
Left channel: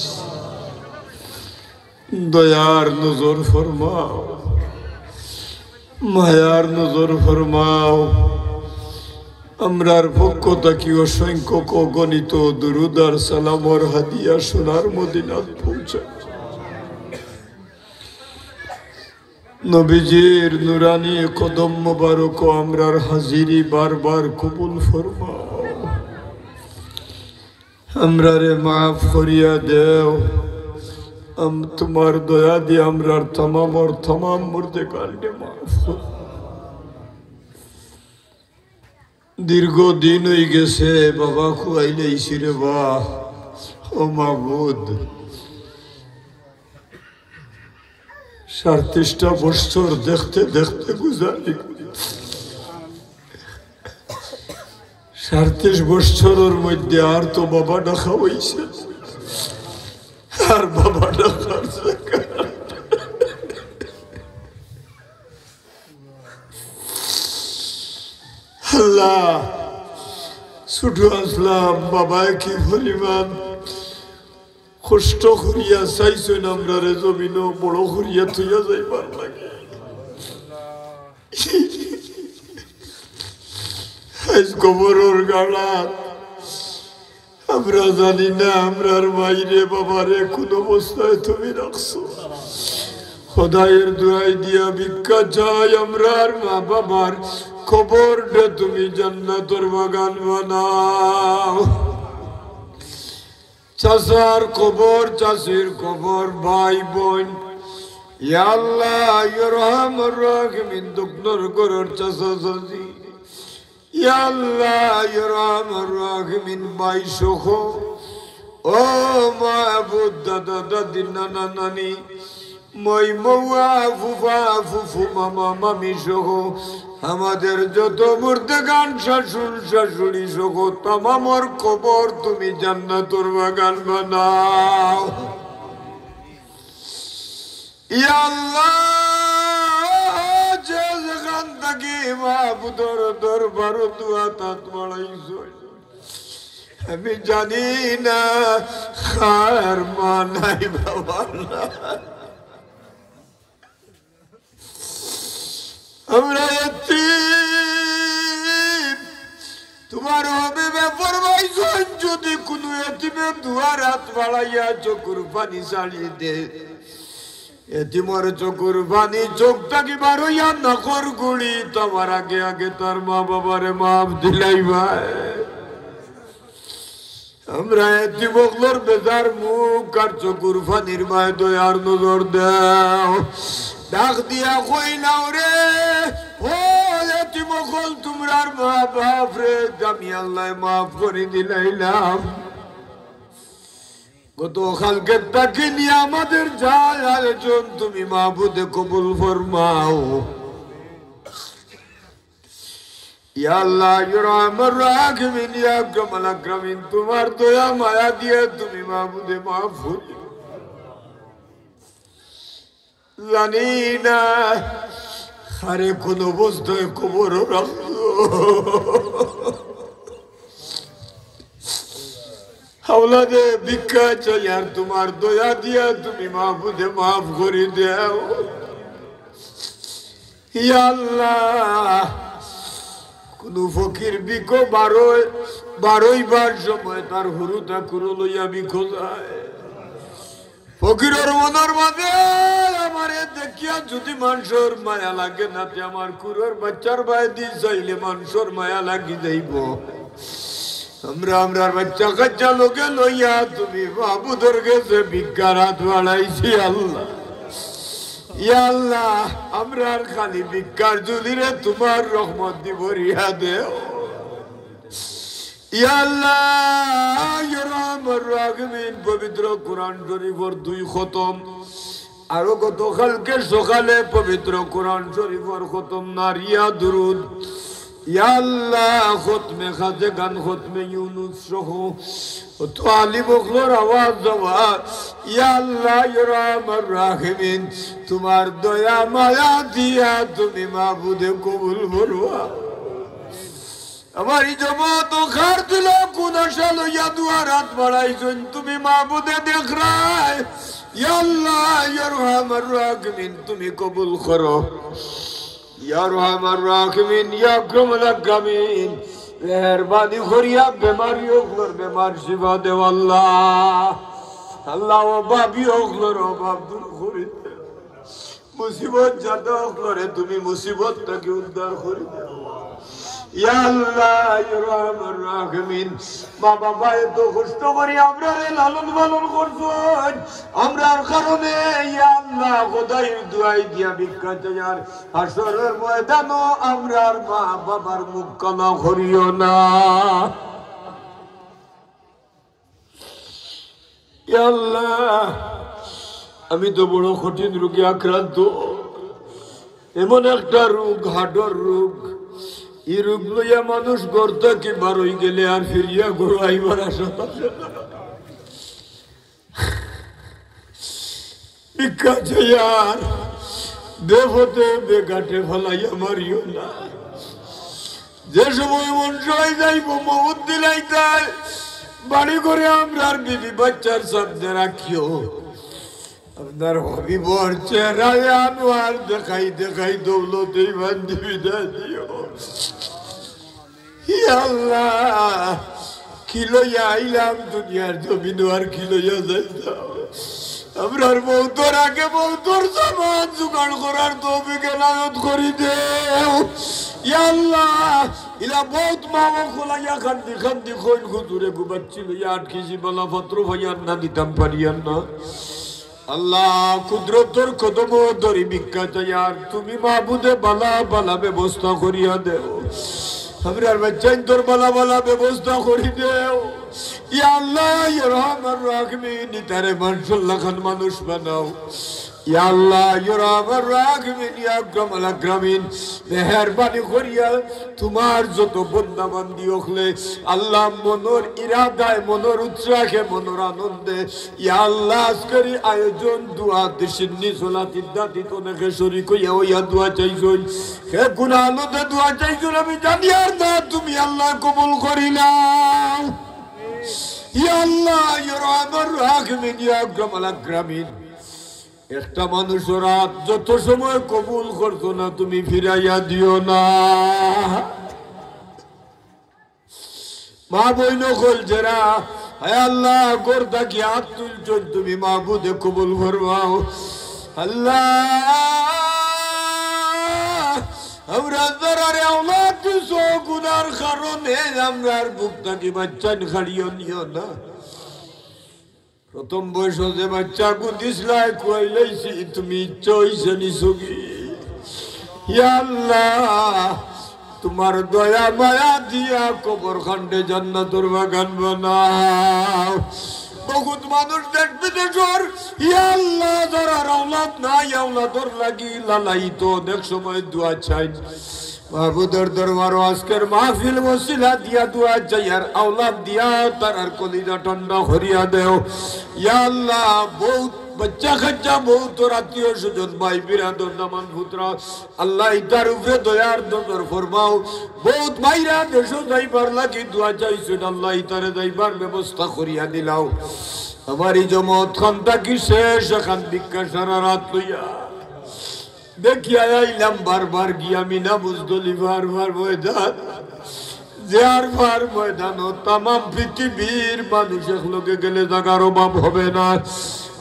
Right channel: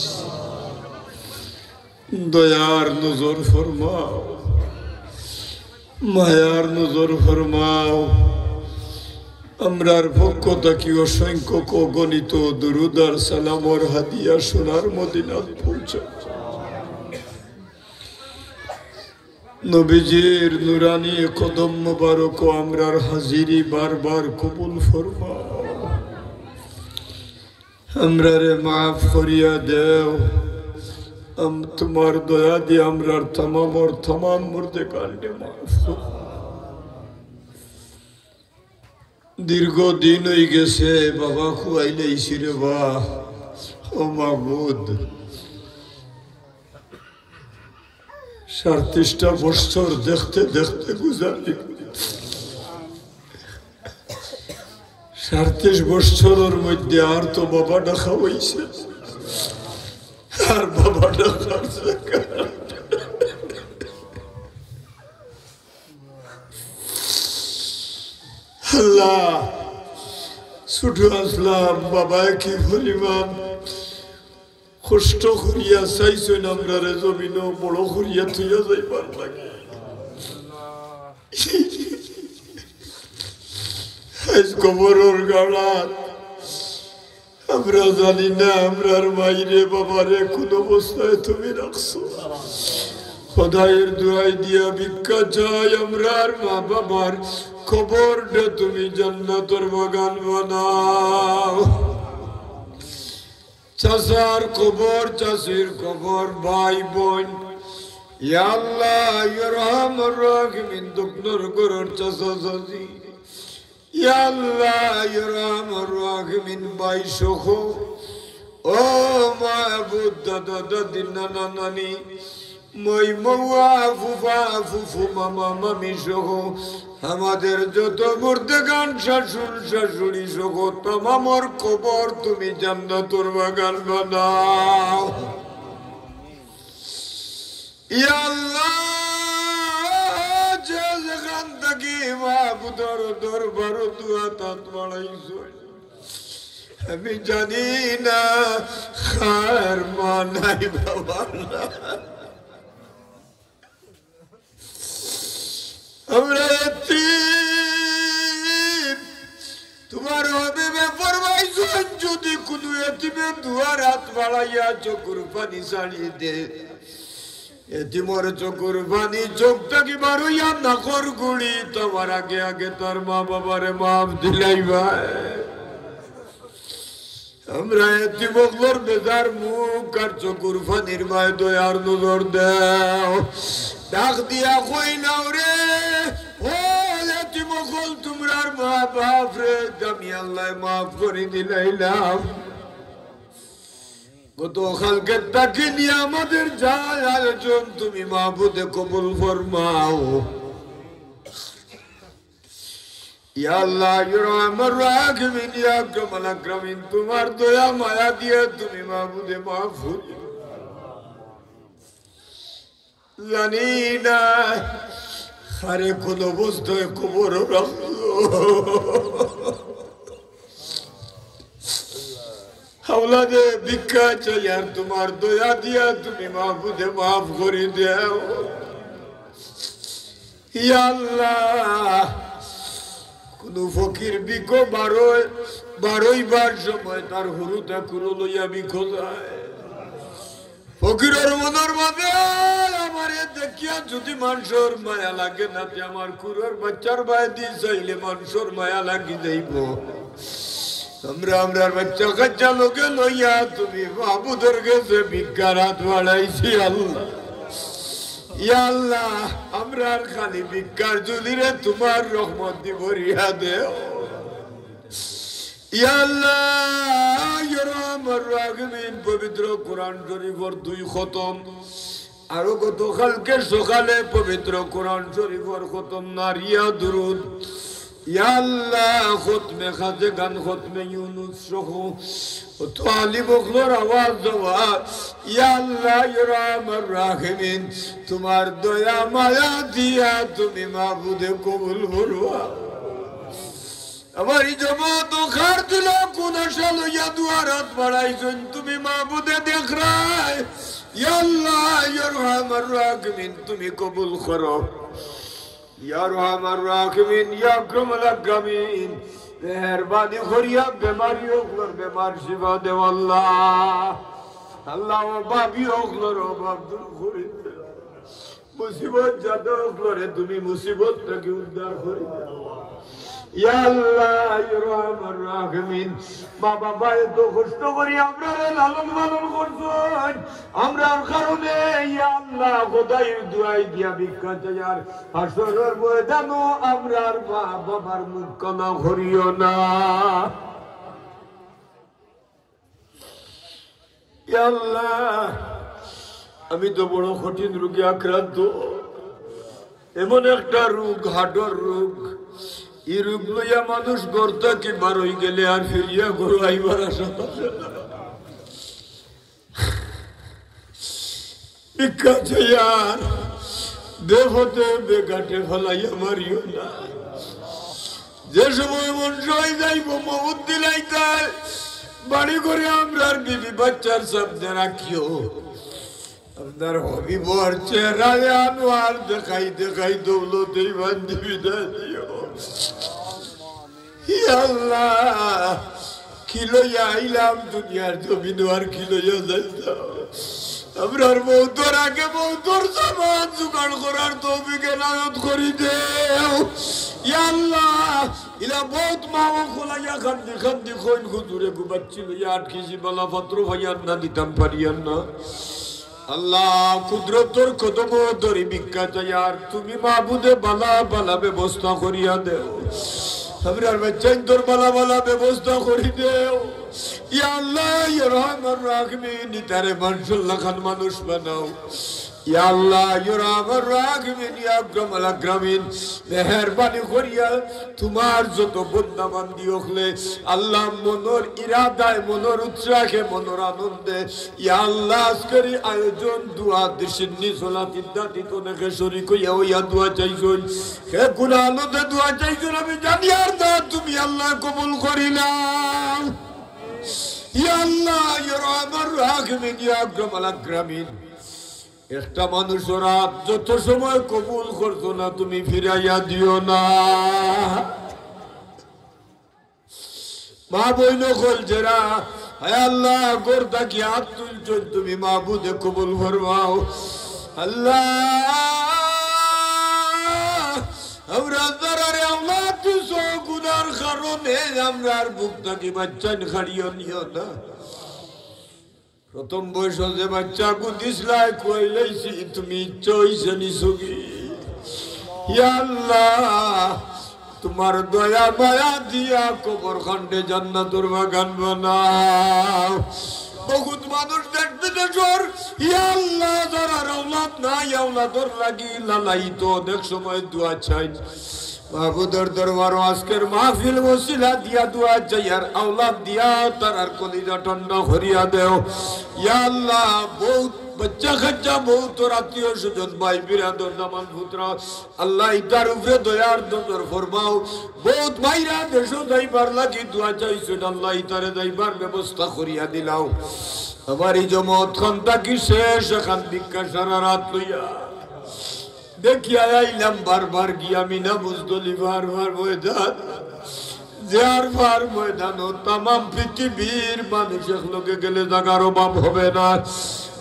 দয়ার নজর ফরমাও, মায়ার নজর ফরমাও। আমরার পক্ষ থাকি অসংখ্য গণিত দুরুদ আর সালামর হাদিয়া সোনার মদিনাত পৌঁছা। নবীজির নুরানি কদম মুবারক আমরার হাজিরি বারবার কবুল ফরমাও। আমরারে মাফ করিয়া দেও। তোমার দয়া দিয়ে আমরার তমাম মুর্দে কালকে মাফ। দীর্ঘদিন হয়ে গেছে বাবা খুয়াইলে ইসিরে বাহ ও মাবুদ। 37টা বছর দেখতে দেখতে গুজারি। 37 বছরের মধ্যে আর তো বাবা ডাকা হয়েছে, আর বাবা ডাকার আল্লাহ ছোট আসলাম বাবায় কি পরিমাণ কষ্ট করিয়া চাইছেন আমরা রে জমিন বড় করিয়া থইয়া যাইবার লাগে। আজ কবরের গাড়াত আমরা জানি না আমরার মাইরে বাবারে কোন অবস্থায় তুমি রাখছো। খোদায়ের দোয়াই দিয়া ভিক্ষা চাই আমরার মা বাবার কবরটা তুমি জান্নাতের বাগান বানাও। চাচার কবর, চাচির কবর, ভাই বোন, ইয়া আল্লাহ ইয়া রহমান রাহিমিন দুঃখর গরর চাচা চাচি, ইয়া আল্লাহ ইয়া রহমান রাহিমিন ভাই সহ ও মাহবুব দাদা দাদি নানা নানি মই মৌয়া ফুফা ফুফু মামা মামি সহ আমাদের যত মুর্দেগান শাশুড় শাশুড়ি সহ তামামর কবর তুমি জান্নাতের বাগান বানাও। ইয়া আল্লাহ যে যেখান থেকে মাহবুদর দরবার দুয়া তাত বাড়াইছো আমি জানি না খার মা নাই বাবা না। আমরা তোমার হবে ফরমাইছেন যদি কোন এতিমের দুয়ার হাত বাড়াইয়া চকুর পানি চালিয়ে দে, এতিমের চকুর পানি চোখটাকে বারইয়া নাকর গুড়ি তোমার আগে আগে তার মা বাবারে মাফ দিলাই ভাই। আমরা এতিমগুলোর বেজার মুখ আর চকুর পানির মায় দয়ার নজর দাও। ডাক দিয়া কইলাও রে ও এতিমগুল তোমরার মা বাপ রে আমি আল্লাহ মাফ করে দিলাইলাম। গত কালকে তাকে নিয়ে আমাদের যায় আয়োজন তুমি মাহবুদে কবুল ফরমাও। ইয়া আল্লাহ ইয়া রহমান রাহিমিন ইয়া আকরামাল আকরামিন তোমার দয়া মায়া দিয়ে তুমি মাহবুদে মাফ জানি না আরে কোন অবস্থায় কবর রাখলো হাওলাদে ভিক্ষা চাই আর তোমার দয়া দিয়া তুমি মাহবুদে মাফ করে দাও ইয়া আল্লাহ কোন ফকির বিকো বারোই বার সময় তার হুরুটা কুরো লইয়া বিকো যায় ফকিরের মনের মাঝে আমারে দেখিয়া যদি মানুষের মায়া লাগে না আমার কুরোর বাচ্চার ভাই দিয়ে চাইলে মানুষের মায়া লাগি যাইব আমরার বাচ্চা কাচ্চা লোকে লইয়া তুমি মাহবুদের কাছে ভিক্ষার হাত বাড়াইছি আল্লাহ ইয়া আল্লাহ আমরার খালি ভিক্ষার জুলিরে তোমার রহমত দি ভরিয়া দেও ইয়া আল্লাহ ইয়া রহমান রাহিম পবিত্র কোরআন শরীফের 2 খতম আরো গতকালকে সকালে পবিত্র কোরআন শরীফের খতম নারিয়া দুরুদ ইয়া আল্লাহ খতমে খাজে গান খতমে ইউনুস সহ তো আলী বকলোর আওয়াজ দেওয়া ইয়া আল্লাহ ইয়া রহমান রাহিম তোমার দয়া মায়া দিয়া তুমি মাহবুদে কবুল করবা আমার জমাত খার দিল কোন সালো ইয়া দুয়ার হাত বাড়াইছেন তুমি মাহবুদে দেখ রায় ইয়া আল্লাহ ইয়া রহমান রাহিম তুমি কবুল করো ইয়া রহমান রাহিম ইয়া আকরামুল আকরামিন মেহেরবানি করিয়া বেমারি ওগুলোর বেমার শিফা দেও আল্লাহ আল্লাহ বাবি ওগুলোর অভাব দূর করে মুসিবত যাতে ওগুলোরে তুমি মুসিবত থেকে উদ্ধার করে দেও ইয়া আল্লাহ ইয়া রহমান রাহিম মা বাবা এত কষ্ট করি আমরা লালন পালন করছেন আমরার কারণে ইয়া আল্লাহ খোদাইর দুআই দিয়া ভিক্ষা চাইয়ার হাসরের ময়দানও আমরার মা বাবার মুখ কানা করিও না ইয়া আল্লাহ আমি তো বড় কঠিন রোগে আক্রান্ত এমন একটা রোগ হার্টের রোগ এই রোগ লইয়া মানুষ ঘর থেকে বার হয়ে গেলে আর ফিরিয়া ঘর আইবার আশা পাবে না ভিক্ষা চাইয়ার দেবতে বেঘাটে ফলাইয়া মারিও না যে সময় মন সবাই যাইব মহৎ দিলাইতে বাড়ি করে আমরা বিবি বাচ্চার সামনে রাখিও আপনার হবিবর চেহারায় আনোয়ার দেখাই দেখাই দৌলতে বান্ধি বিদায় দিও আল্লাহ কি লইয়া আইলাম দুনিয়ার জমিন আর কি লইয়া যাইতাম আমরার বৌদ্ধর আগে বৌদ্ধর সামান জোগাড় করার তৌফিক এনায়েত করি দেও ইয়া আল্লাহ ইলা বহুত মাও খোলাইয়া খান্দি খান্দি কইন হুজুরে গুবাচ্ছিল 8 কেজি বালা পাত্র ভাইয়ার না দিতাম পারিয়ান না আল্লাহ কুদরতর কদম ধরি ভিক্ষা চাই আর তুমি মাহবুদে বালা বালা ব্যবস্থা করিয়া দেও আমরার বাচ্চা তোর বালা বালা ব্যবস্থা করি দেও ইয়া আল্লাহ ইয়া রহমান রাহিম নিতারে মানসুল্লাহ খান মানুষ বানাও ইয়া আল্লাহ ইয়া রহমান রাহিম ইয়া আকরামুল আকরামিন মেহেরবানি করিয়া তোমার যত বান্দা বান্দি হলে আল্লাহ মনের ইরাদায় মনের উৎসাহে মনের আনন্দে ইয়া আল্লাহ আজকের আয়োজন দুয়া দিশনি সালাত ইদ্দাতি তো নেকে শরীক হইয়া ইয়া দোয়া চাইছই হে গুনাহ আনন্দে দোয়া চাইছই আমি জানি আর না তুমি আল্লাহ কবুল করিলাম ইয়া আল্লাহ ইয়া রহমান রাহিম ইয়া আকরামুল আকরামিন একটা মানুষ রাত যত সময় কবুল করতো না তুমি ফিরাইয়া দিও না মা বইন কল যারা হে আল্লাহ গোরদা কি হাত তুলছ তুমি মাহবুদে কবুল ফরমাও আল্লাহ আমরা যারা আওলাদ দিছো গুনার কারণে আমরার বুক থেকে বাচ্চা খাড়িও নিও না প্রথম বয়স যে বাচ্চা গুদিসলাই কইলাইছি তুমি ইচ্ছা হইছে নিছুকি ইয়া আল্লাহ তোমার দয়া মায়া দিয়া কবর খন্ডে জান্নাতুর বাগান বানাও বহুত মানুষ দেশ বিদেশের ইয়া আল্লাহ যারা আওলাদ নাই আওলাদর লাগি লালাইতো অনেক সময় দোয়া চাই মাহবুদের দরবার আজকের মাহফিল ওসিলা দিয়া দোয়া চাই আর আওলাদ দিয়া তার কলিজা ঠান্ডা করিয়া দেও ইয়া আল্লাহ বহুত বাচ্চা কাচ্চা বহুত আত্মীয় স্বজন ভাই বিরাদর দামান পুত্রা আল্লাহ ইতার উপরে দয়ার নজর ফরমাও বহুত ভাইরা দেশ যাইবার লাগি দোয়া চাইছেন আল্লাহ ইতারে যাইবার ব্যবস্থা করিয়া দিলাও আমার এই জমত খানটা কি শেষ এখান ভিক্ষা সারা রাত লইয়া দেখি আইলাম বারবার গিয়া মিনা মুজদলিফার ময়দান জিয়ারফার ময়দান তামাম পৃথিবীর মানুষের লোকে গেলে জাগার অভাব হবে না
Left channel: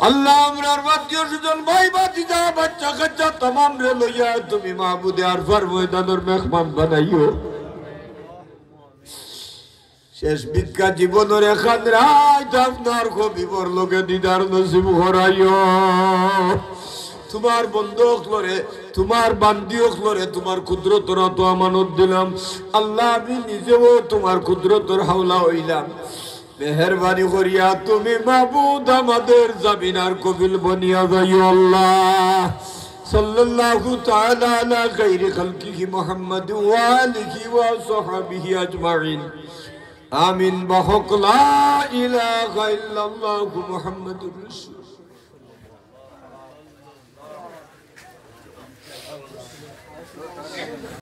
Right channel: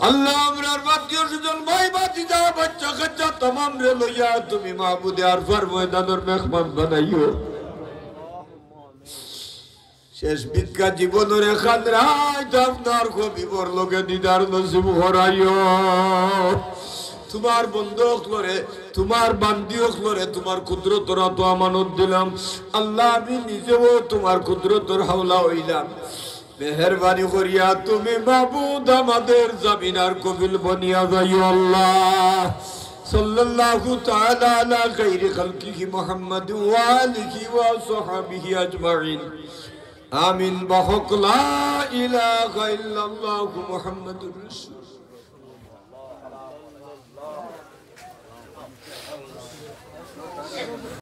আল্লাহ আমরার আত্মীয় স্বজন ভাই ভাতিজা বাচ্চা কাচ্চা তামাম রে লইয়া তুমি মাহবুদে আরফার ময়দানের মেহমান বানাইও শেষ ভিক্ষা জীবনের এখান রাত আপনার কবিবর লোকে দিদার নসিব হরাইও তোমার বন্ধু হলরে তোমার বান্দি হলরে তোমার কুদরতরা তো আমানত দিলাম আল্লাহ আমি নিজেও তোমার কুদরতর হাওলা হইলাম মেহেরবানি করিয়া তুমি মাবুদ আমাদের জামিনার কবিল বনিয়া যাইও আল্লাহ সাল্লাল্লাহু তাআলা আলা খাইরি খালকিহি মুহাম্মদ ওয়া আলিহি ওয়া সাহবিহি আজমাইন আমিন বাহক লা ইলাহা ইল্লাল্লাহু মুহাম্মাদুর রাসূল